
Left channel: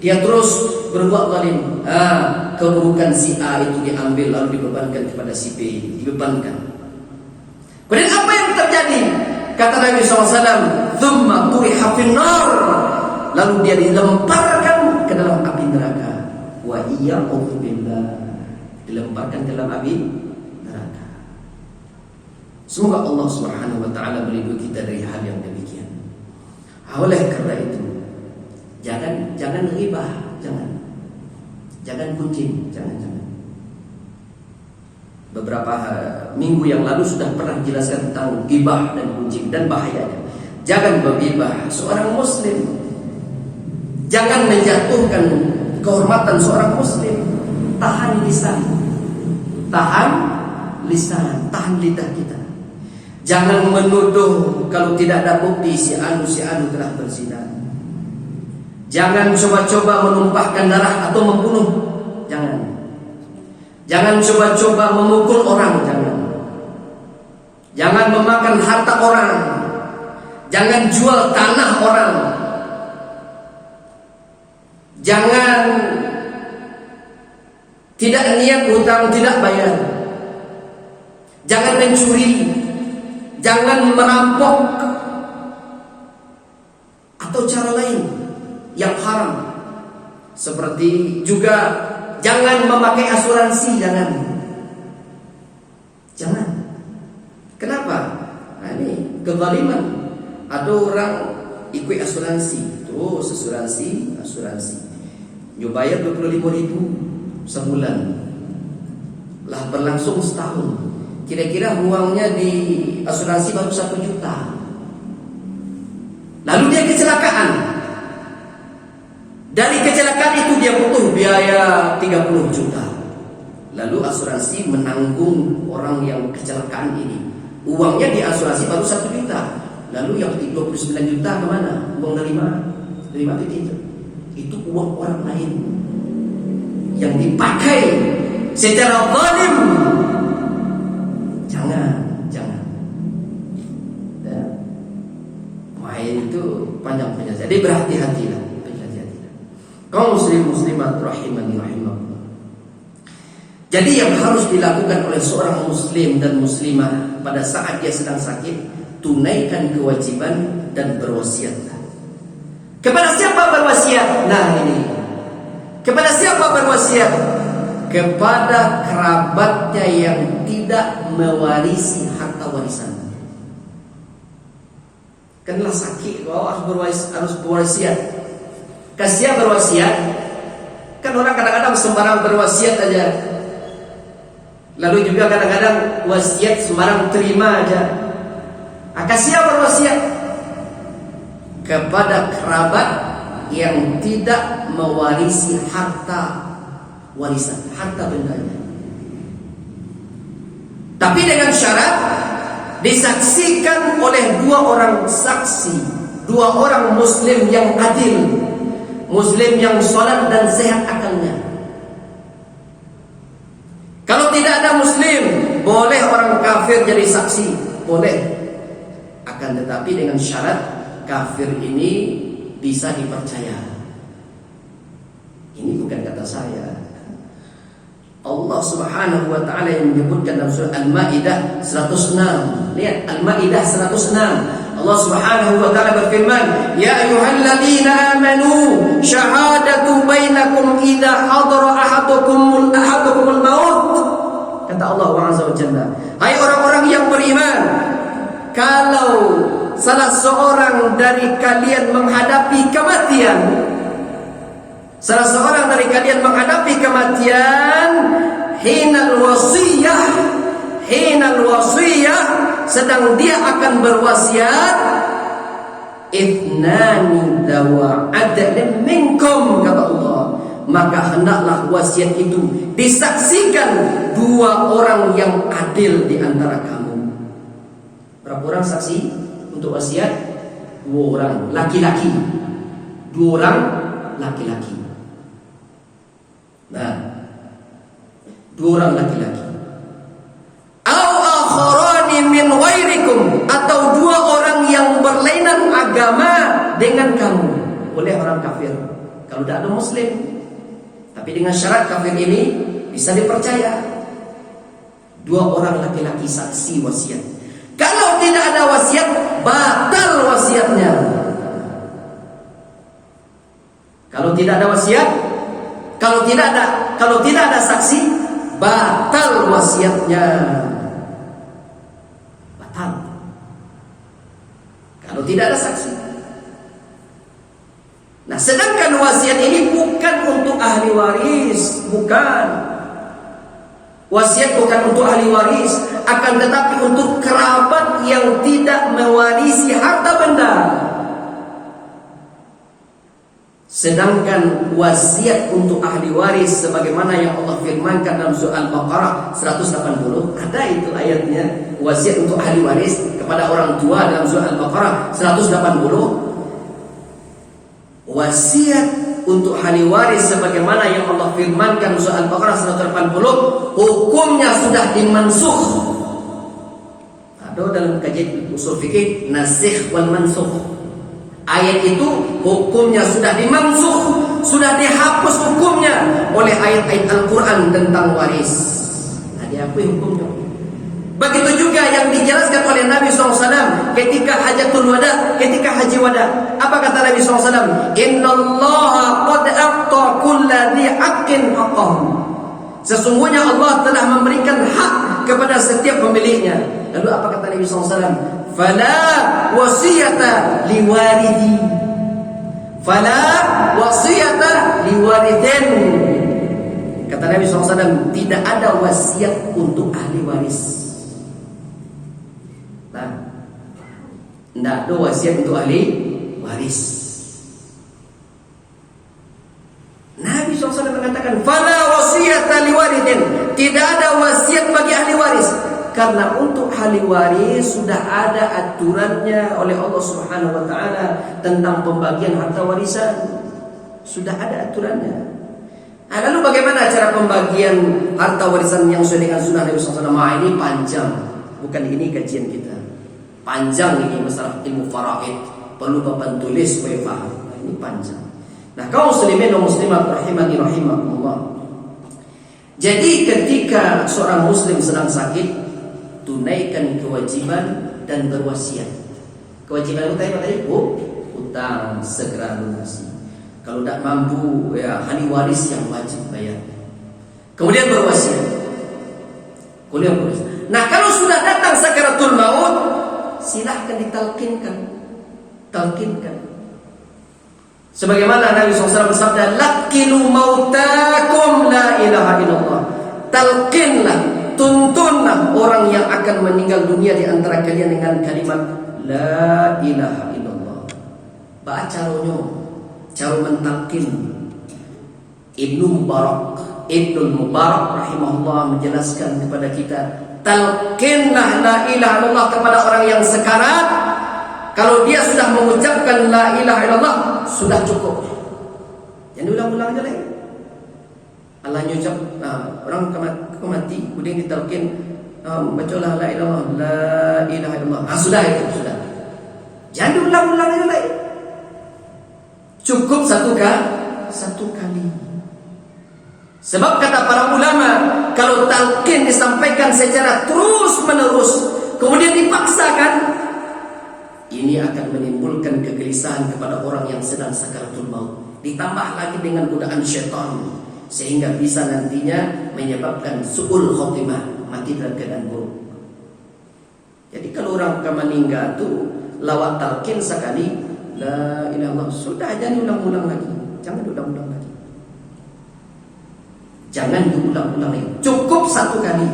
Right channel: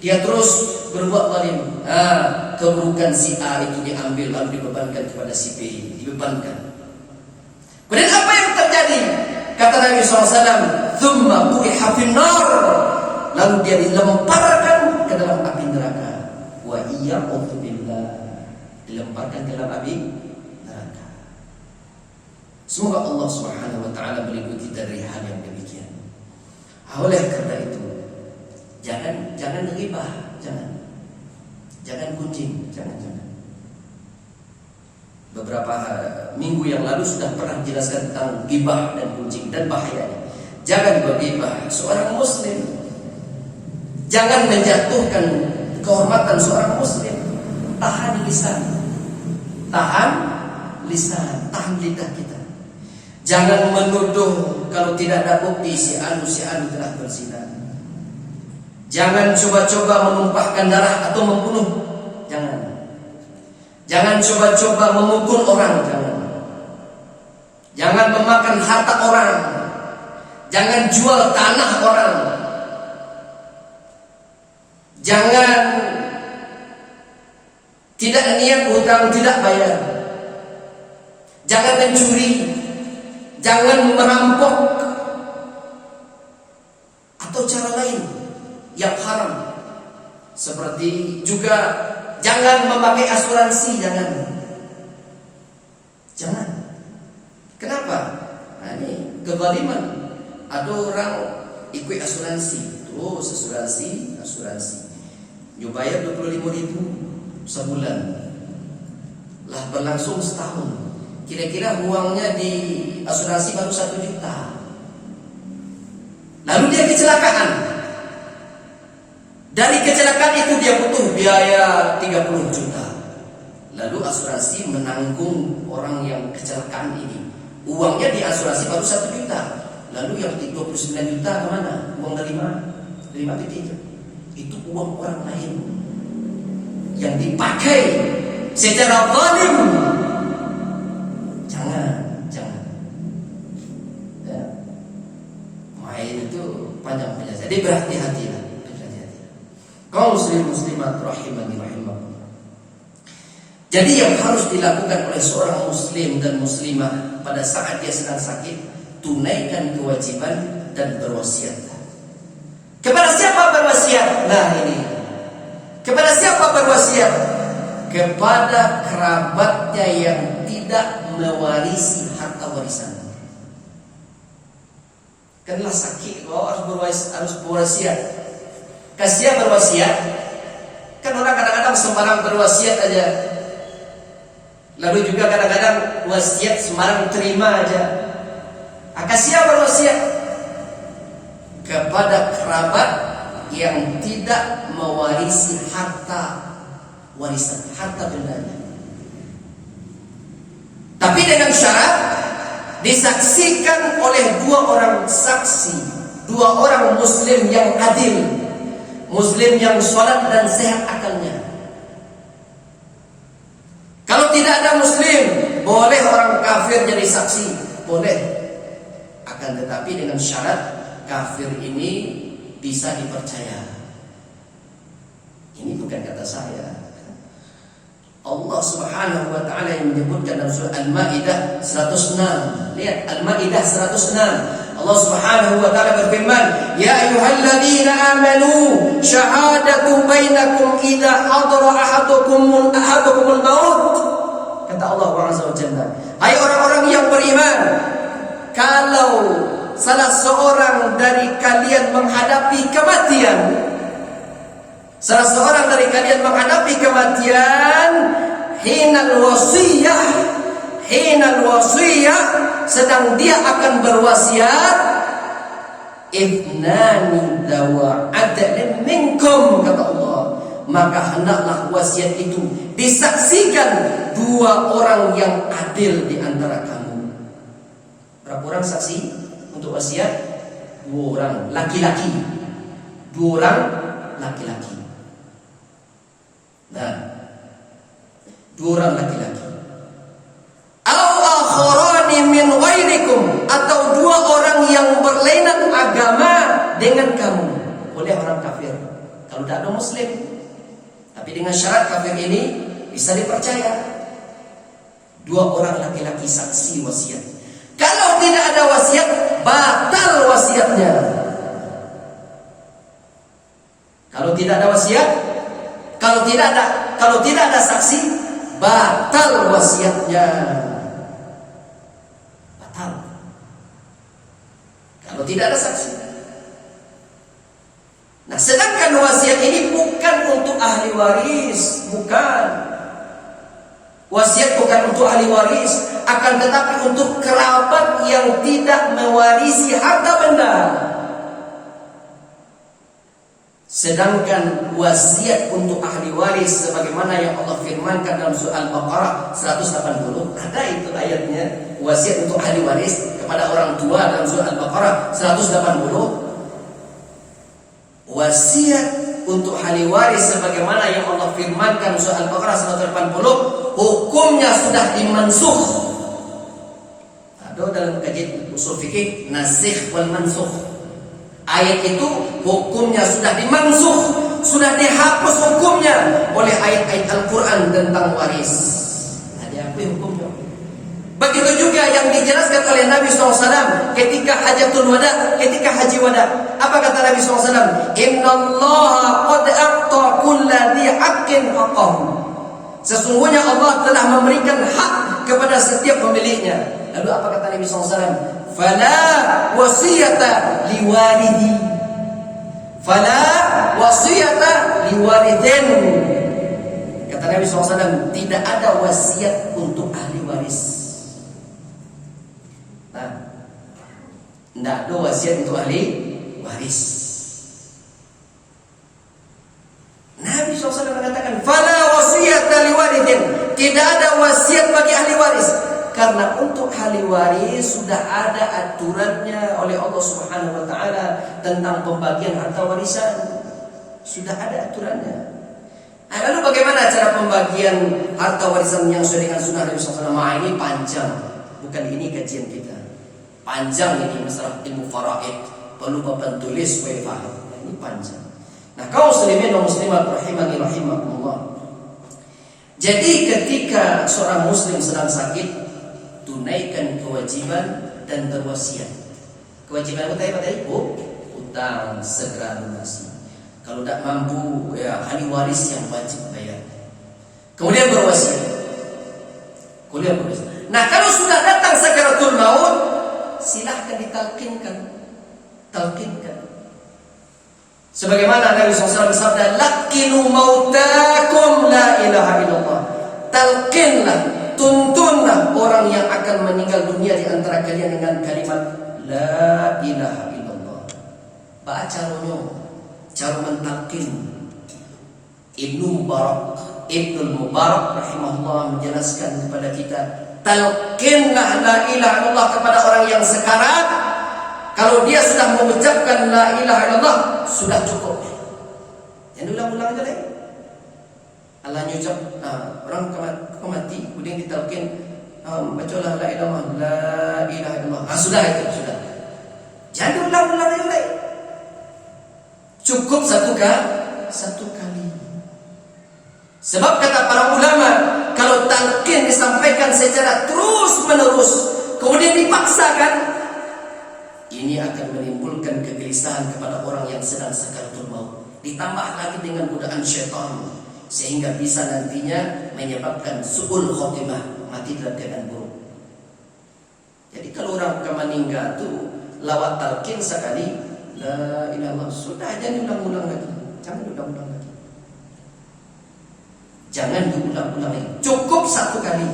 dia terus berbuat zalim. Keburukan si A itu diambil lalu dibebankan kepada si B, dibebankan. Kemudian apa yang terjadi? Kata Nabi SAW, "Tsumma turiha fin-nar." Lalu dia dilemparkan ke dalam api neraka. Wa iyyakum billah, dilemparkan ke dalam api neraka. Semoga Allah Subhanahu wa taala melindungi kita dari hal yang demikian. Oleh karena itu, jangan ghibah, jangan gunjing, jangan. Beberapa minggu yang lalu sudah pernah jelaskan tentang ghibah dan gunjing dan bahayanya. Jangan berghibah seorang muslim. Jangan menjatuhkan kehormatan seorang muslim. Tahan lisan, tahan lidah kita. Jangan menuduh kalau tidak ada bukti si anu telah berzina. Jangan coba-coba menumpahkan darah atau membunuh. Jangan. Jangan coba-coba memukul orang. Jangan. Jangan memakan harta orang. Jangan jual tanah orang. Jangan tidak niat hutang tidak bayar. Jangan mencuri. Jangan merampok atau cara lain yang haram. Seperti juga jangan memakai asuransi, jangan. Kenapa? Nah, ini kezaliman. Ada orang ikut asuransi, terus asuransi. You bayar 25.000 sebulan. Lah berlangsung setahun. Kira-kira uangnya di asuransi baru 1 juta. Lalu dia kecelakaan. Dari kecelakaan itu dia butuh biaya 30 juta. Lalu asuransi menanggung orang yang kecelakaan ini. Uangnya di asuransi baru 1 juta. Lalu yang 29 juta kemana? Uang dari mana? Dari mana itu? Itu uang orang lain yang dipakai secara zalim. Jangan. Ya. Main itu panjang. Jadi berhati-hatilah. Kaum muslimat rahimani rahimakumullah. Jadi yang harus dilakukan oleh seorang muslim dan muslimah pada saat dia sedang sakit, tunaikan kewajiban dan berwasiat. Kepada siapa berwasiat? Nah ini. Kepada siapa berwasiat? Kepada kerabatnya yang tidak mewarisi harta warisan. Kenlah sakit, kau harus berwasiat. Kasih berwasiat. Kan orang kadang-kadang sembarang berwasiat aja. Lalu juga kadang-kadang wasiat sembarang terima aja. Kasih berwasiat kepada kerabat yang tidak mewarisi harta warisan, harta bendanya. Tapi dengan syarat disaksikan oleh 2 orang saksi, 2 orang muslim yang adil, muslim yang sholat dan sehat akalnya. Kalau tidak ada muslim, boleh orang kafir jadi saksi, boleh. Akan tetapi dengan syarat kafir ini bisa dipercaya. Ini bukan kata saya. Allah Subhanahu wa taala yang menyebutkan dalam surah Al-Maidah 106. Lihat Al-Maidah 106. Allah Subhanahu wa taala berfirman, "Ya ayyuhalladzina amanu syahadatu bainakum idza hadara ahadukumul maut." Kata Allah Azza wa Jalla, "Hai orang-orang yang beriman, kalau salah seorang dari kalian menghadapi kematian, hinal wasiyah, sedang dia akan berwasiat, ithnani dawa adlin minkum," kata Allah, maka hendaklah wasiat itu disaksikan 2 orang yang adil di antara kamu. Berapa orang saksi untuk wasiat? 2 orang laki-laki. 2 orang laki-laki. Nah, 2 orang laki-laki. Au akharani min ghairikum, atau 2 orang yang berlainan agama dengan kamu. Boleh orang kafir kalau tidak ada muslim. Tapi dengan syarat kafir ini bisa dipercaya. 2 orang laki-laki saksi wasiat. Kalau tidak ada wasiat, batal wasiatnya. Kalau tidak ada wasiat, kalau tidak ada saksi, batal wasiatnya. Batal. Kalau tidak ada saksi. Nah, sedangkan wasiat ini bukan untuk ahli waris, bukan. Wasiat bukan untuk ahli waris, akan tetapi untuk kerabat yang tidak mewarisi harta benda. Sedangkan wasiat untuk ahli waris sebagaimana yang Allah firmankan dalam surah Al-Baqarah 180, ada itu ayatnya. wasiat untuk ahli waris kepada orang tua dalam surah Al-Baqarah 180. Wasiat untuk ahli waris sebagaimana yang Allah firmankan surah Al-Baqarah 180, hukumnya sudah dimansukh. Ada dalam kajian usul fikih nasikh wal mansukh. Ayat itu hukumnya sudah dimansukh, sudah dihapus hukumnya oleh ayat-ayat Al-Quran tentang waris. Nah, dihapus hukumnya. Begitu juga yang dijelaskan oleh Nabi SAW ketika hajatul wada, ketika haji wada. Apa kata Nabi SAW? Innallaha qad a'ta kulla dhi haqqin haqqahu. Sesungguhnya Allah telah memberikan hak kepada setiap pemiliknya. Lalu apa kata Nabi SAW? Fala wasiyata liwaridi. Fala wasiyata liwaridin. Kata Nabi SAW, tidak ada wasiat untuk ahli waris. Nah, tidak ada wasiat untuk ahli waris. Nabi SAW mengatakan, fala wasiyata liwaridin. Tidak ada wasiat bagi ahli waris. Karena untuk ahli waris sudah ada aturannya oleh Allah Subhanahu wa taala tentang pembagian harta warisan. Sudah ada aturannya. Nah, lalu bagaimana cara pembagian harta warisan yang sesuai dengan sunnah Nabi SAW? Ini panjang. Bukan ini kajian kita. Panjang ini masalah ilmu faraid. Perlu papan tulis supaya paham. Ini panjang. Nah, kaum muslimin dan muslimat rahimani rahimakumullah. Jadi ketika seorang muslim sedang sakit, tunaikan kewajiban dan berwasiat. Kewajiban utama apa tadi? Utang segera lunasi. Kalau tidak mampu, ya ahli waris yang wajib bayar. Kemudian berwasiat. Nah, kalau sudah datang sakaratul maut, silahkan ditalkinkan. Talkinkan. Sebagaimana Nabi SAW bersabda, "Laqinu mautakum la ilaha illallah." Talkinlah, tuntunlah orang yang akan meninggal dunia di antara kalian dengan kalimat la ilaha illallah. Baca caranya, cara mentalkin. Ibnu Mubarak rahimahullah menjelaskan kepada kita, talkinlah la ilaha illallah kepada orang yang sekarat. Kalau dia sudah mengucapkan la ilaha illallah, sudah cukup. Yang diulang-ulang aja lagi. Allah nyucap, orang mati, kemudian ditalkin, bacalah la ilaha illallah. Sudah itu, sudah. Jangan diulang-ulang aja lagi. Cukup satu kali. Sebab kata para ulama, kalau talqin disampaikan secara terus-menerus, kemudian dipaksakan, ini akan menimbulkan kegelisahan kepada orang yang sedang sakaratul maut. Ditambah lagi dengan godaan syaitan, sehingga bisa nantinya menyebabkan su'ul khotimah, mati dalam keadaan buruk. Jadi kalau orang akan meninggal itu lawat talqin sekali, la ilaha illallah, sudah, jangan diulang-ulang lagi. Jangan diulang-ulang lagi. Jangan diulang-ulang lagi. Cukup satu kali.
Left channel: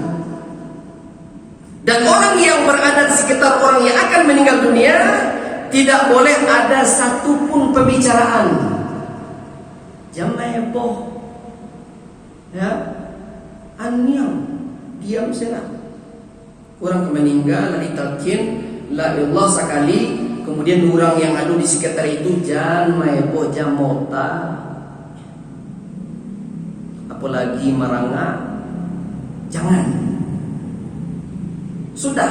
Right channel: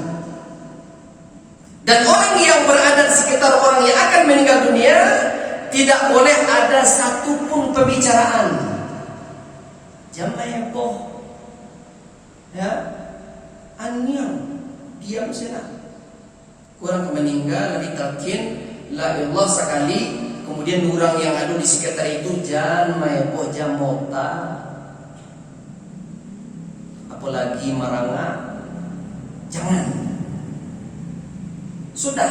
Dan orang yang berada di sekitar orang yang akan meninggal dunia tidak boleh ada satupun pembicaraan. Jangan heboh. Ya, anyam, diam saja. Orang meninggal lalu talqin la ilallah sekali, kemudian orang yang ada di sekitar itu jangan heboh, jangan mota, apalagi merangak, jangan. Sudah,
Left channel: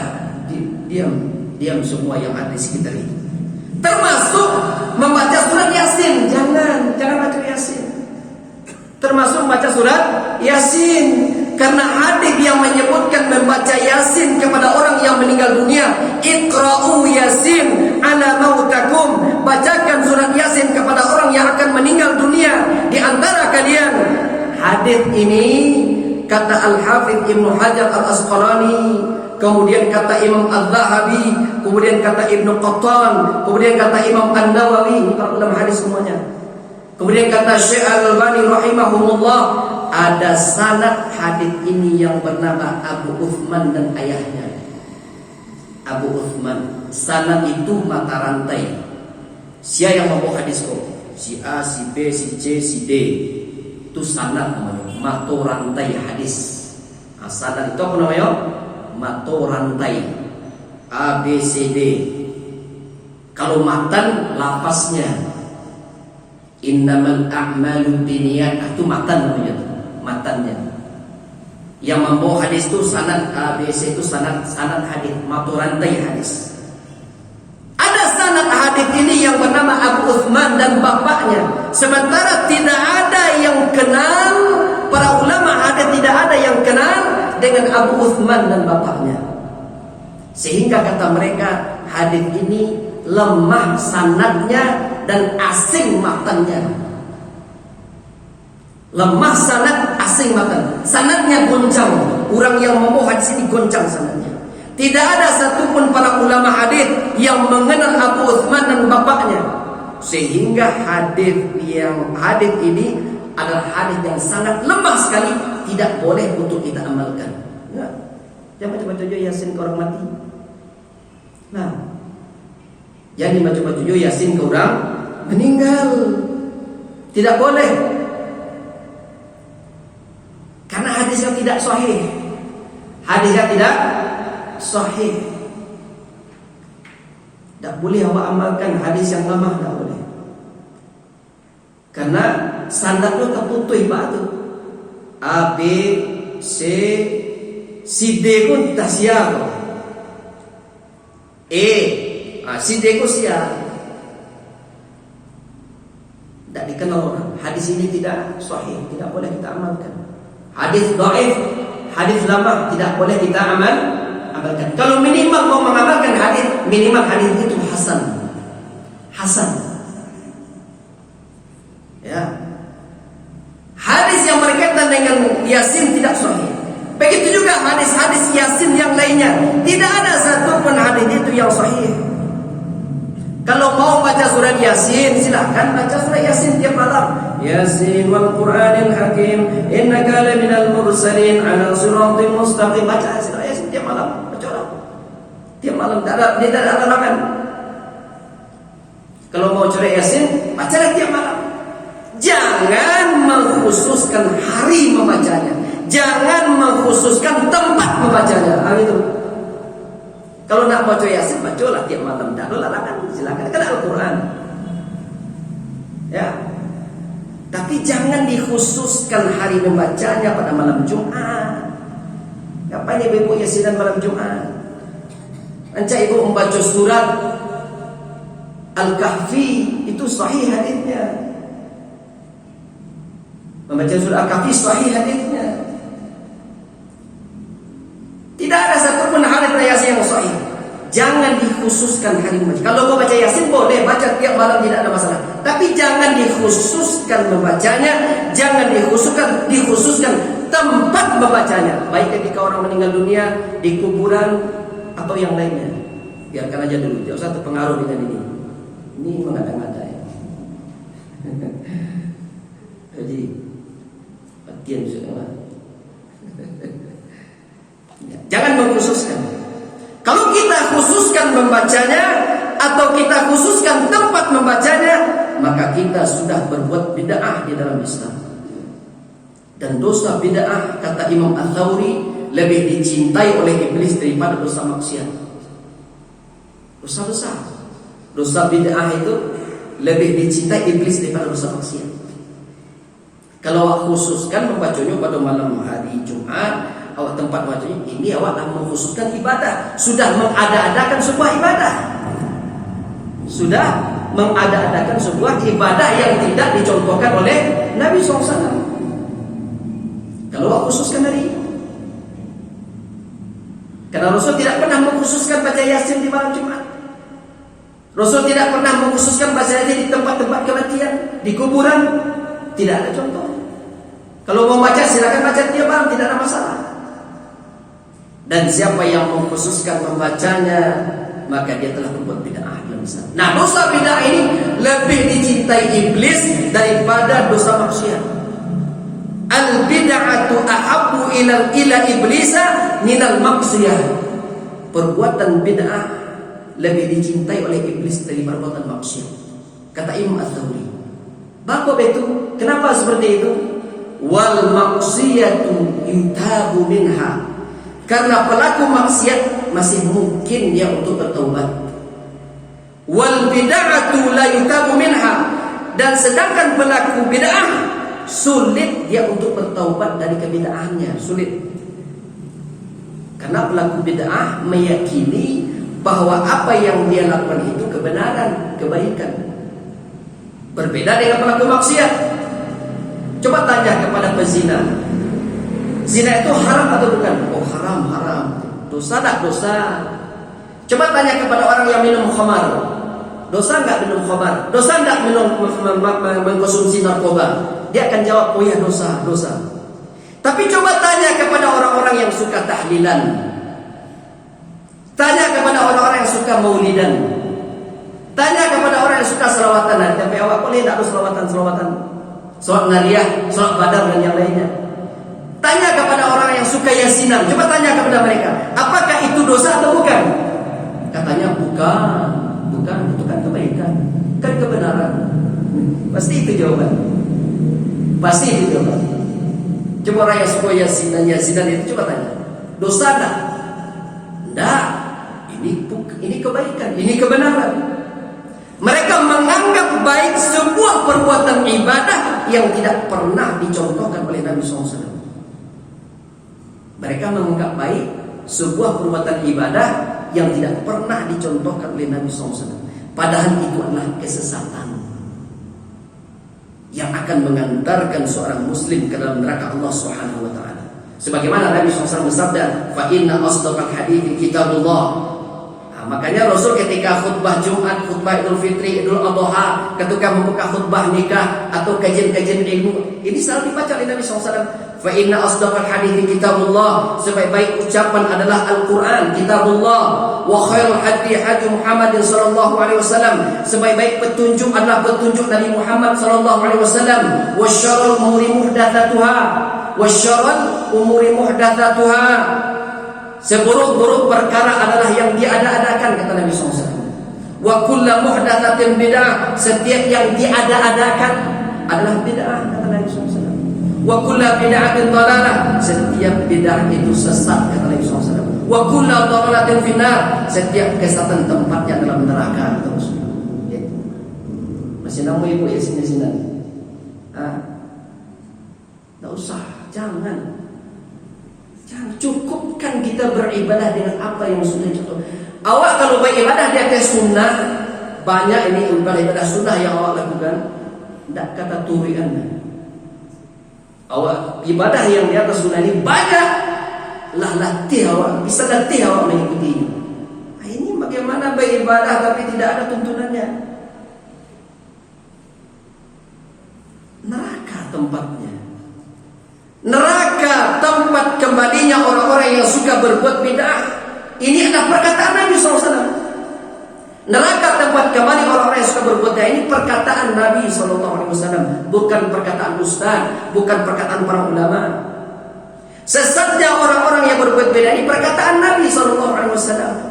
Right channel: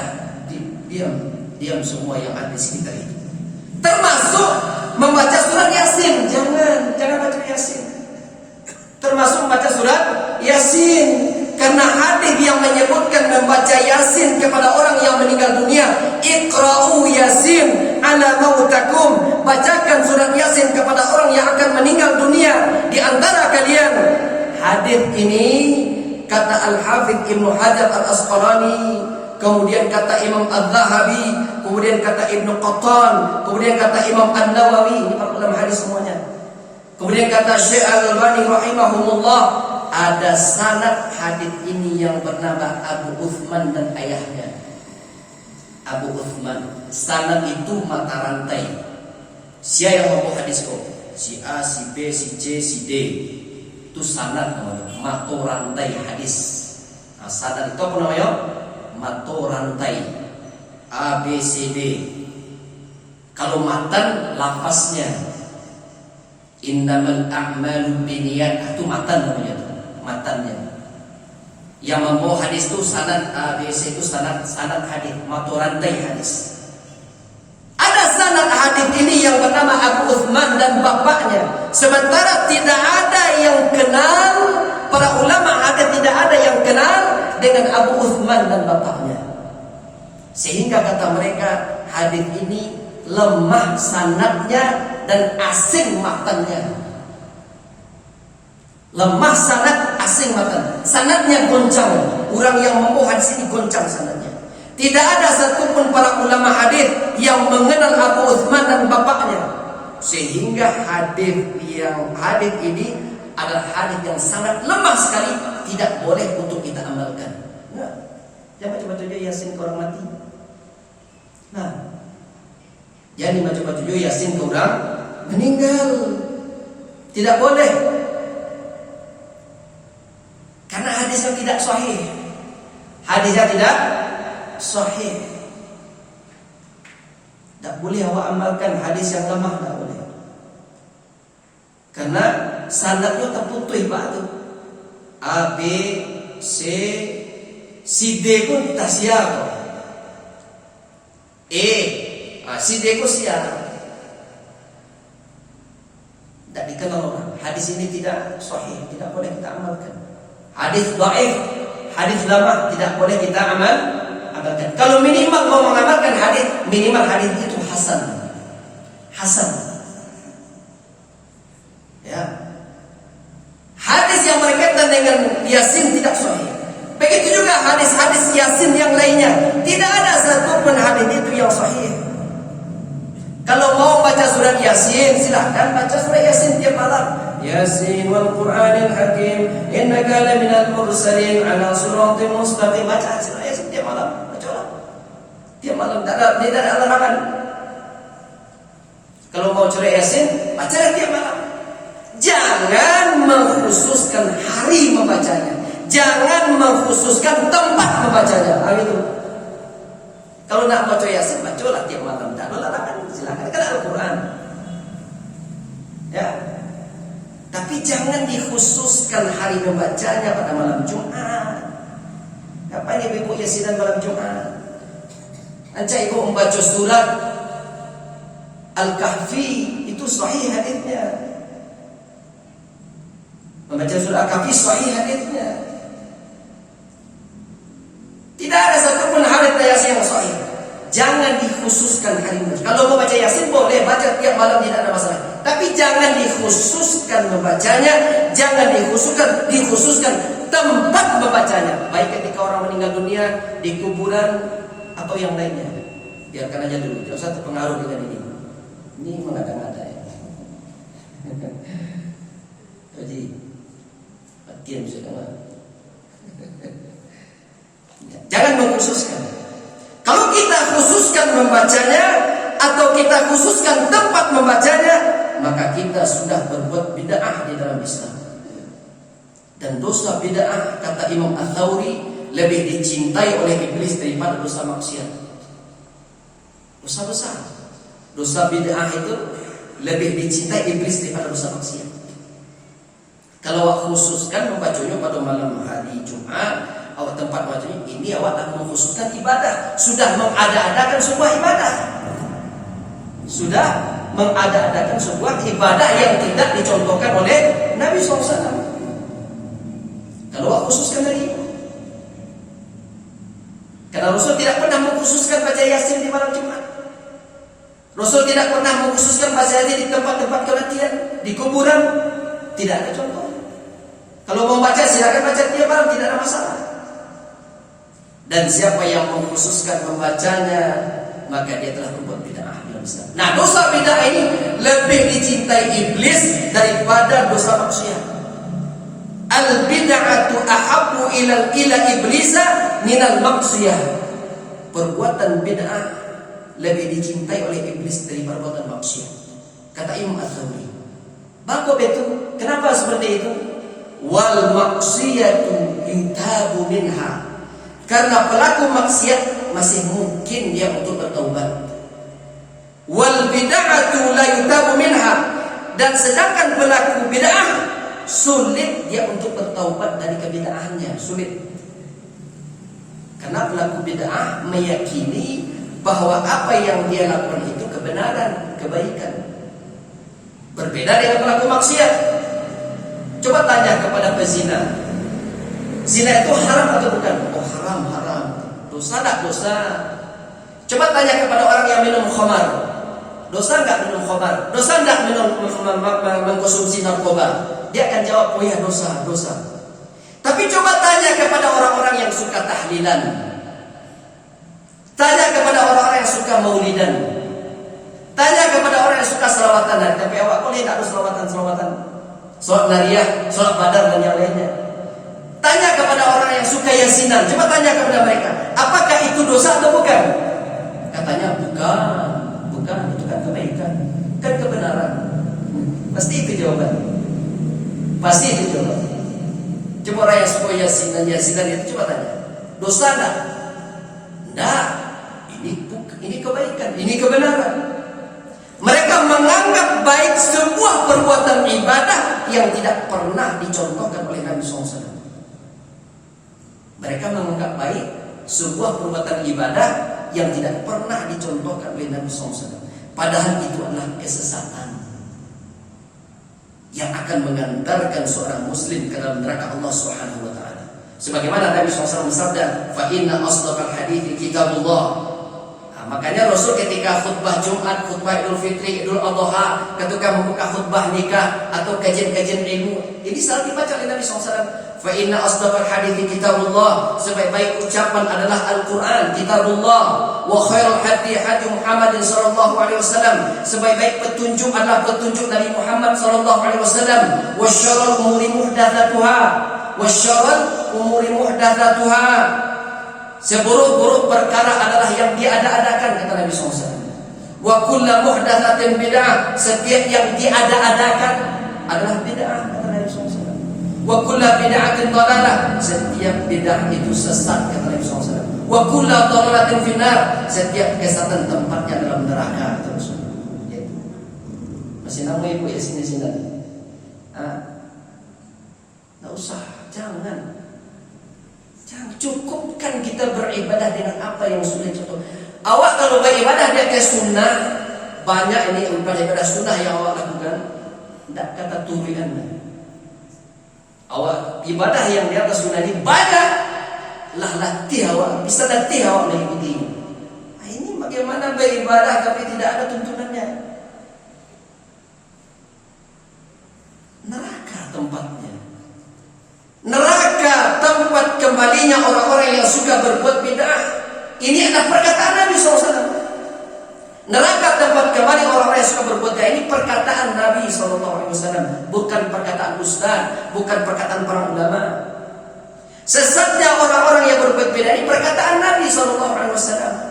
diam semua yang ada di sekitar itu. Termasuk membaca surat Yasin, jangan baca Yasin. Termasuk membaca surat Yasin, karena hadis yang menyebutkan membaca Yasin kepada orang yang meninggal dunia, Iqra'u Yasin ala mautakum, bacakan surat Yasin kepada orang yang akan meninggal dunia di antara kalian. Hadis ini kata Al-Hafidz Ibnu Hajar Al-Asqalani, kemudian kata Imam Az-Zahabi, kemudian kata Ibnu Qattan, kemudian kata Imam An-Nawawi, ini para ulama hadis semuanya. Kemudian kata Syekh Al-Albani rahimahumullah, ada sanad hadis ini yang bernama Abu Uthman dan ayahnya. Abu Uthman, sanad itu mata rantai. Siapa yang membawa hadis kok? Si A, si B, si C, si D. Itu sanad namanya, mata rantai hadis. Sanad itu apa namanya? mato rantai A B C D. Kalau matan lafaznya innamal a'malu binniyat, itu matan namanya tuh, matannya. Yang membawa hadis itu sanad A B C, itu sanad hadis, mato rantai hadis. Ada sanad hadis ini yang bernama Abu Uthman dan bapaknya. Sementara tidak ada yang kenal, para ulama hadis tidak ada yang kenal dengan Abu Uthman dan bapaknya. Sehingga kata mereka hadis ini lemah sanadnya dan asing matanya. Lemah sanad, asing matan. Sanadnya goncang. Orang yang membawa hadis ini goncang sanadnya. Tidak ada satupun para ulama hadis yang mengenal Abu Uthman dan bapaknya. Sehingga hadis ini adalah hadis yang sangat lemah sekali, tidak boleh untuk kita amalkan. Nah, jangan baca-baca Yasin ke orang mati. Nah, jadi baca-baca Yasin ke orang meninggal. Tidak boleh. Karena hadisnya tidak sahih. Hadisnya tidak sahih. Tak boleh awak amalkan hadis yang lemah, tak boleh. Karena sanadnya terputus batu. A B C D pun tak siap. Si D pun siap. Tak dikenal orang. Hadis ini tidak sahih, tidak boleh kita amalkan. Hadis dhaif, hadis lama tidak boleh kita amalkan. Kalau minimal mau mengamalkan hadis, minimal hadis itu hasan. Ya. Hadis yang berkaitan dengan Yasin tidak sahih. Begitu juga hadis-hadis Yasin yang lainnya, tidak ada satupun hadis itu yang sahih. Kalau mau baca surat Yasin, silahkan baca surat Yasin tiap malam. Yasin wal Qur'anil Hakim, innaka laminal mursalin ala siratim mustaqim. Baca surat Yasin tiap malam. Tiap malam tidak ada larangan. Kalau mau surat Yasin, bacalah tiap malam. Jangan mengkhususkan hari membacanya. Jangan mengkhususkan tempat membacanya. Itu. Kalau nak baca Yasin, bacalah tiap malam. Tak ada larangan, silakan. Kan Al-Quran. Ya. Tapi jangan dikhususkan hari membacanya pada malam Jumat. Ngapain ibu Yasinan malam Jumat? Nanti ibu membaca surat Al-Kahfi, itu sahih hadisnya. Membaca surat Al-Kahfi sahih hadisnya. Tidak ada satupun hadis Yasin yang sahih. Jangan dikhususkan hari membaca. Kalau mau baca Yasin boleh baca tiap malam, tidak ada masalah. Tapi jangan dikhususkan membacanya, jangan dikhususkan tempat membacanya. Baik ketika orang meninggal dunia, di kuburan atau yang lainnya. Biarkan aja dulu, jangan usah terpengaruh dengan ini. Ini mengada-ngada ya. Jadi bagian sudah. Jangan mengkhususkan. Kalau kita khususkan membacanya atau kita khususkan tempat membacanya, maka kita sudah berbuat bid'ah di dalam Islam. Dan dosa bid'ah, kata Imam Ats-Tsauri, lebih dicintai oleh iblis daripada dosa maksiat. Dosa besar. Dosa bid'ah itu lebih dicintai iblis daripada dosa maksiat. Kalau awak khususkan membacanya pada malam hari Jumat, awak tempat bacanya ini, awak dah mengkhususkan ibadah. Sudah mengada-adakan sebuah ibadah. Sudah mengada-adakan sebuah ibadah yang tidak dicontohkan oleh Nabi SAW. Kalau awak khususkan tadi, karena Rasul tidak pernah mengkhususkan baca Yasin di malam Jumat. Rasul tidak pernah mengkhususkan baca Yasin di tempat-tempat kematian, di kuburan. Tidak ada contoh. Kalau mau baca silakan baca tiap malam, tidak ada masalah. Dan siapa yang mengkhususkan membacanya, maka dia telah membuat bid'ah yang besar. Nah, dosa bid'ah ini lebih dicintai iblis daripada dosa maksiat. Al bid'atu ahabbu ila iblisa minal maksiyah. Perbuatan bid'ah lebih dicintai oleh iblis daripada perbuatan maksiat, kata Imam Ats-Tsauri. Bapa itu kenapa seperti itu? Wal maksiyatu yutabu minha. Karena pelaku maksiat masih mungkin dia untuk bertaubat. Wal bid'atu la yutabu minha, dan sedangkan pelaku bid'ah sulit dia untuk bertaubat dari kebid'ahannya, sulit. Karena pelaku bid'ah meyakini bahwa apa yang dia lakukan itu kebenaran, kebaikan. Berbeda dengan pelaku maksiat. Coba tanya kepada pezina, zina itu haram atau bukan? Oh haram, haram. Dosa tak dosa? Coba tanya kepada orang yang minum khamar, dosa enggak minum khamar? Dosa enggak minum mengkonsumsi narkoba? Dia akan jawab, oh ya dosa, dosa. Tapi coba tanya kepada orang-orang yang suka tahlilan, tanya kepada orang-orang yang suka maulidan, tanya kepada orang yang suka selawatan. Tapi awak boleh tak ada selawatan-selawatan, sholat nariyah, sholat badar dan yang lainnya. Tanya kepada orang yang suka yasinan, coba tanya kepada mereka, apakah itu dosa atau bukan? Katanya bukan, bukan, itu kan kebaikan, kan kebenaran. Pasti itu jawaban. Pasti itu jawaban. Coba orang yang suka yasinan itu coba tanya, dosa enggak? Enggak. Ini kebaikan, ini kebenaran. Mereka menganggap baik sebuah perbuatan ibadah yang tidak pernah dicontohkan oleh Nabi SAW. Mereka menganggap baik sebuah perbuatan ibadah yang tidak pernah dicontohkan oleh Nabi SAW. Padahal itu adalah kesesatan yang akan mengantarkan seorang muslim ke dalam neraka Allah Subhanahu wa taala. Sebagaimana Nabi SAW bersabda, "Fa inna asdaqal hadithi kitabullah." Makanya Rasul ketika khutbah Jumat, khutbah Idul Fitri, Idul Adha, ketika membuka khutbah nikah atau kajian-kajian ilmu, ini selalu dibaca oleh Nabi SAW. Fa inna asdaqal hadithi kitabullah, sebaik-baik ucapan adalah Al-Quran, kitabullah. Wa khairul hadi hadi Muhammadin sallallahu alaihi wasallam, sebaik-baik petunjuk adalah petunjuk Nabi Muhammad sallallahu alaihi wasallam. Wa syarrul umuri muhdatsatuha, wa syarrul umuri muhdatsatuha, seburuk-buruk perkara adalah yang diada-adakan, kata Nabi SAW. Wa kullu muhdatsatin bid'ah, setiap yang diada-adakan adalah bid'ah, kata Nabi SAW. Wa kullu bid'atin dhalalah, setiap bid'ah itu sesat, kata Nabi SAW. Wa kullu dhalalatin finnar, setiap kesesatan tempatnya dalam neraka, kata Rasul. Masih nama ibu ya sini-sini. Enggak usah, jangan. Cukupkan kita beribadah dengan apa yang sudah contoh. Awak kalau beribadah di atas sunnah, banyak ini ibadah sunnah yang awak lakukan, tidak kata turi anda. Awak ibadah yang di atas sunnah ini banyak, lah latih awak, bisa latih awak mengikuti. Ini bagaimana beribadah tapi tidak ada tuntunannya. Neraka tempatnya. Neraka tempat kembalinya orang-orang yang suka berbuat bid'ah. Ini adalah perkataan Nabi SAW. Neraka tempat kembali orang-orang yang suka berbuat bid'ah, ini perkataan Nabi SAW, bukan perkataan ustaz, bukan perkataan para ulama. Sesatnya orang-orang yang berbuat bid'ah ini perkataan Nabi SAW,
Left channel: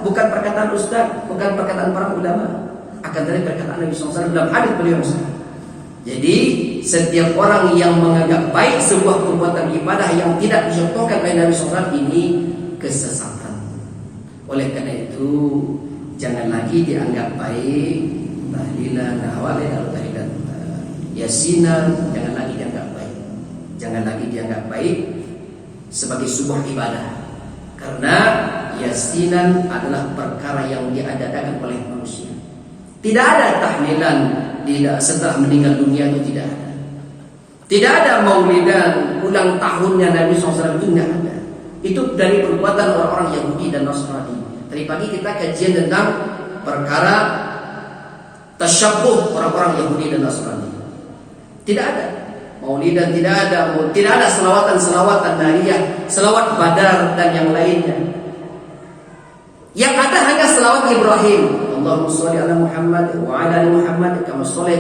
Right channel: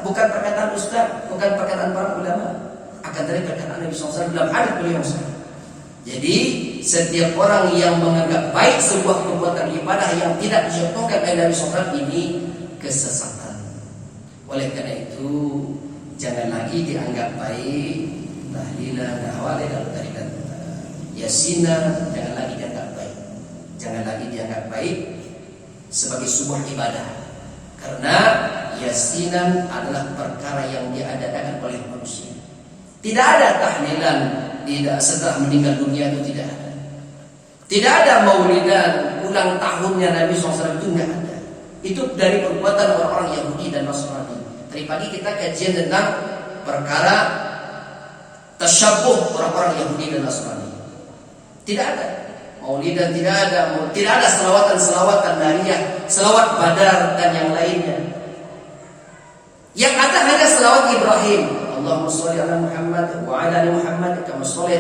bukan perkataan ustaz, bukan perkataan para ulama. Akan dari perkataan Nabi SAW dalam hadis beliau. Jadi setiap orang yang menganggap baik sebuah perbuatan ibadah yang tidak dicontohkan oleh Nabi SAW, ini kesesatan. Oleh karena itu jangan lagi dianggap baik tahlilan, tahlilan, yasinan, jangan lagi dianggap baik. Jangan lagi dianggap baik sebagai sebuah ibadah. Karena yasinan adalah perkara yang diadakan oleh manusia. Tidak ada tahlilan setelah meninggal dunia, itu tidak ada. Tidak ada maulidan ulang tahunnya Nabi SAW, itu tidak ada. Itu dari perbuatan orang-orang Yahudi dan Nasrani. Tadi pagi kita kajian tentang perkara tasyabuh orang-orang Yahudi dan Nasrani. Tidak ada maulidan, tidak ada selawatan nariyah, selawat badar dan yang lainnya. Yang ada hanya selawat Ibrahim. Allahumma sholli ala Muhammad wa ala ali Muhammad kama shallaita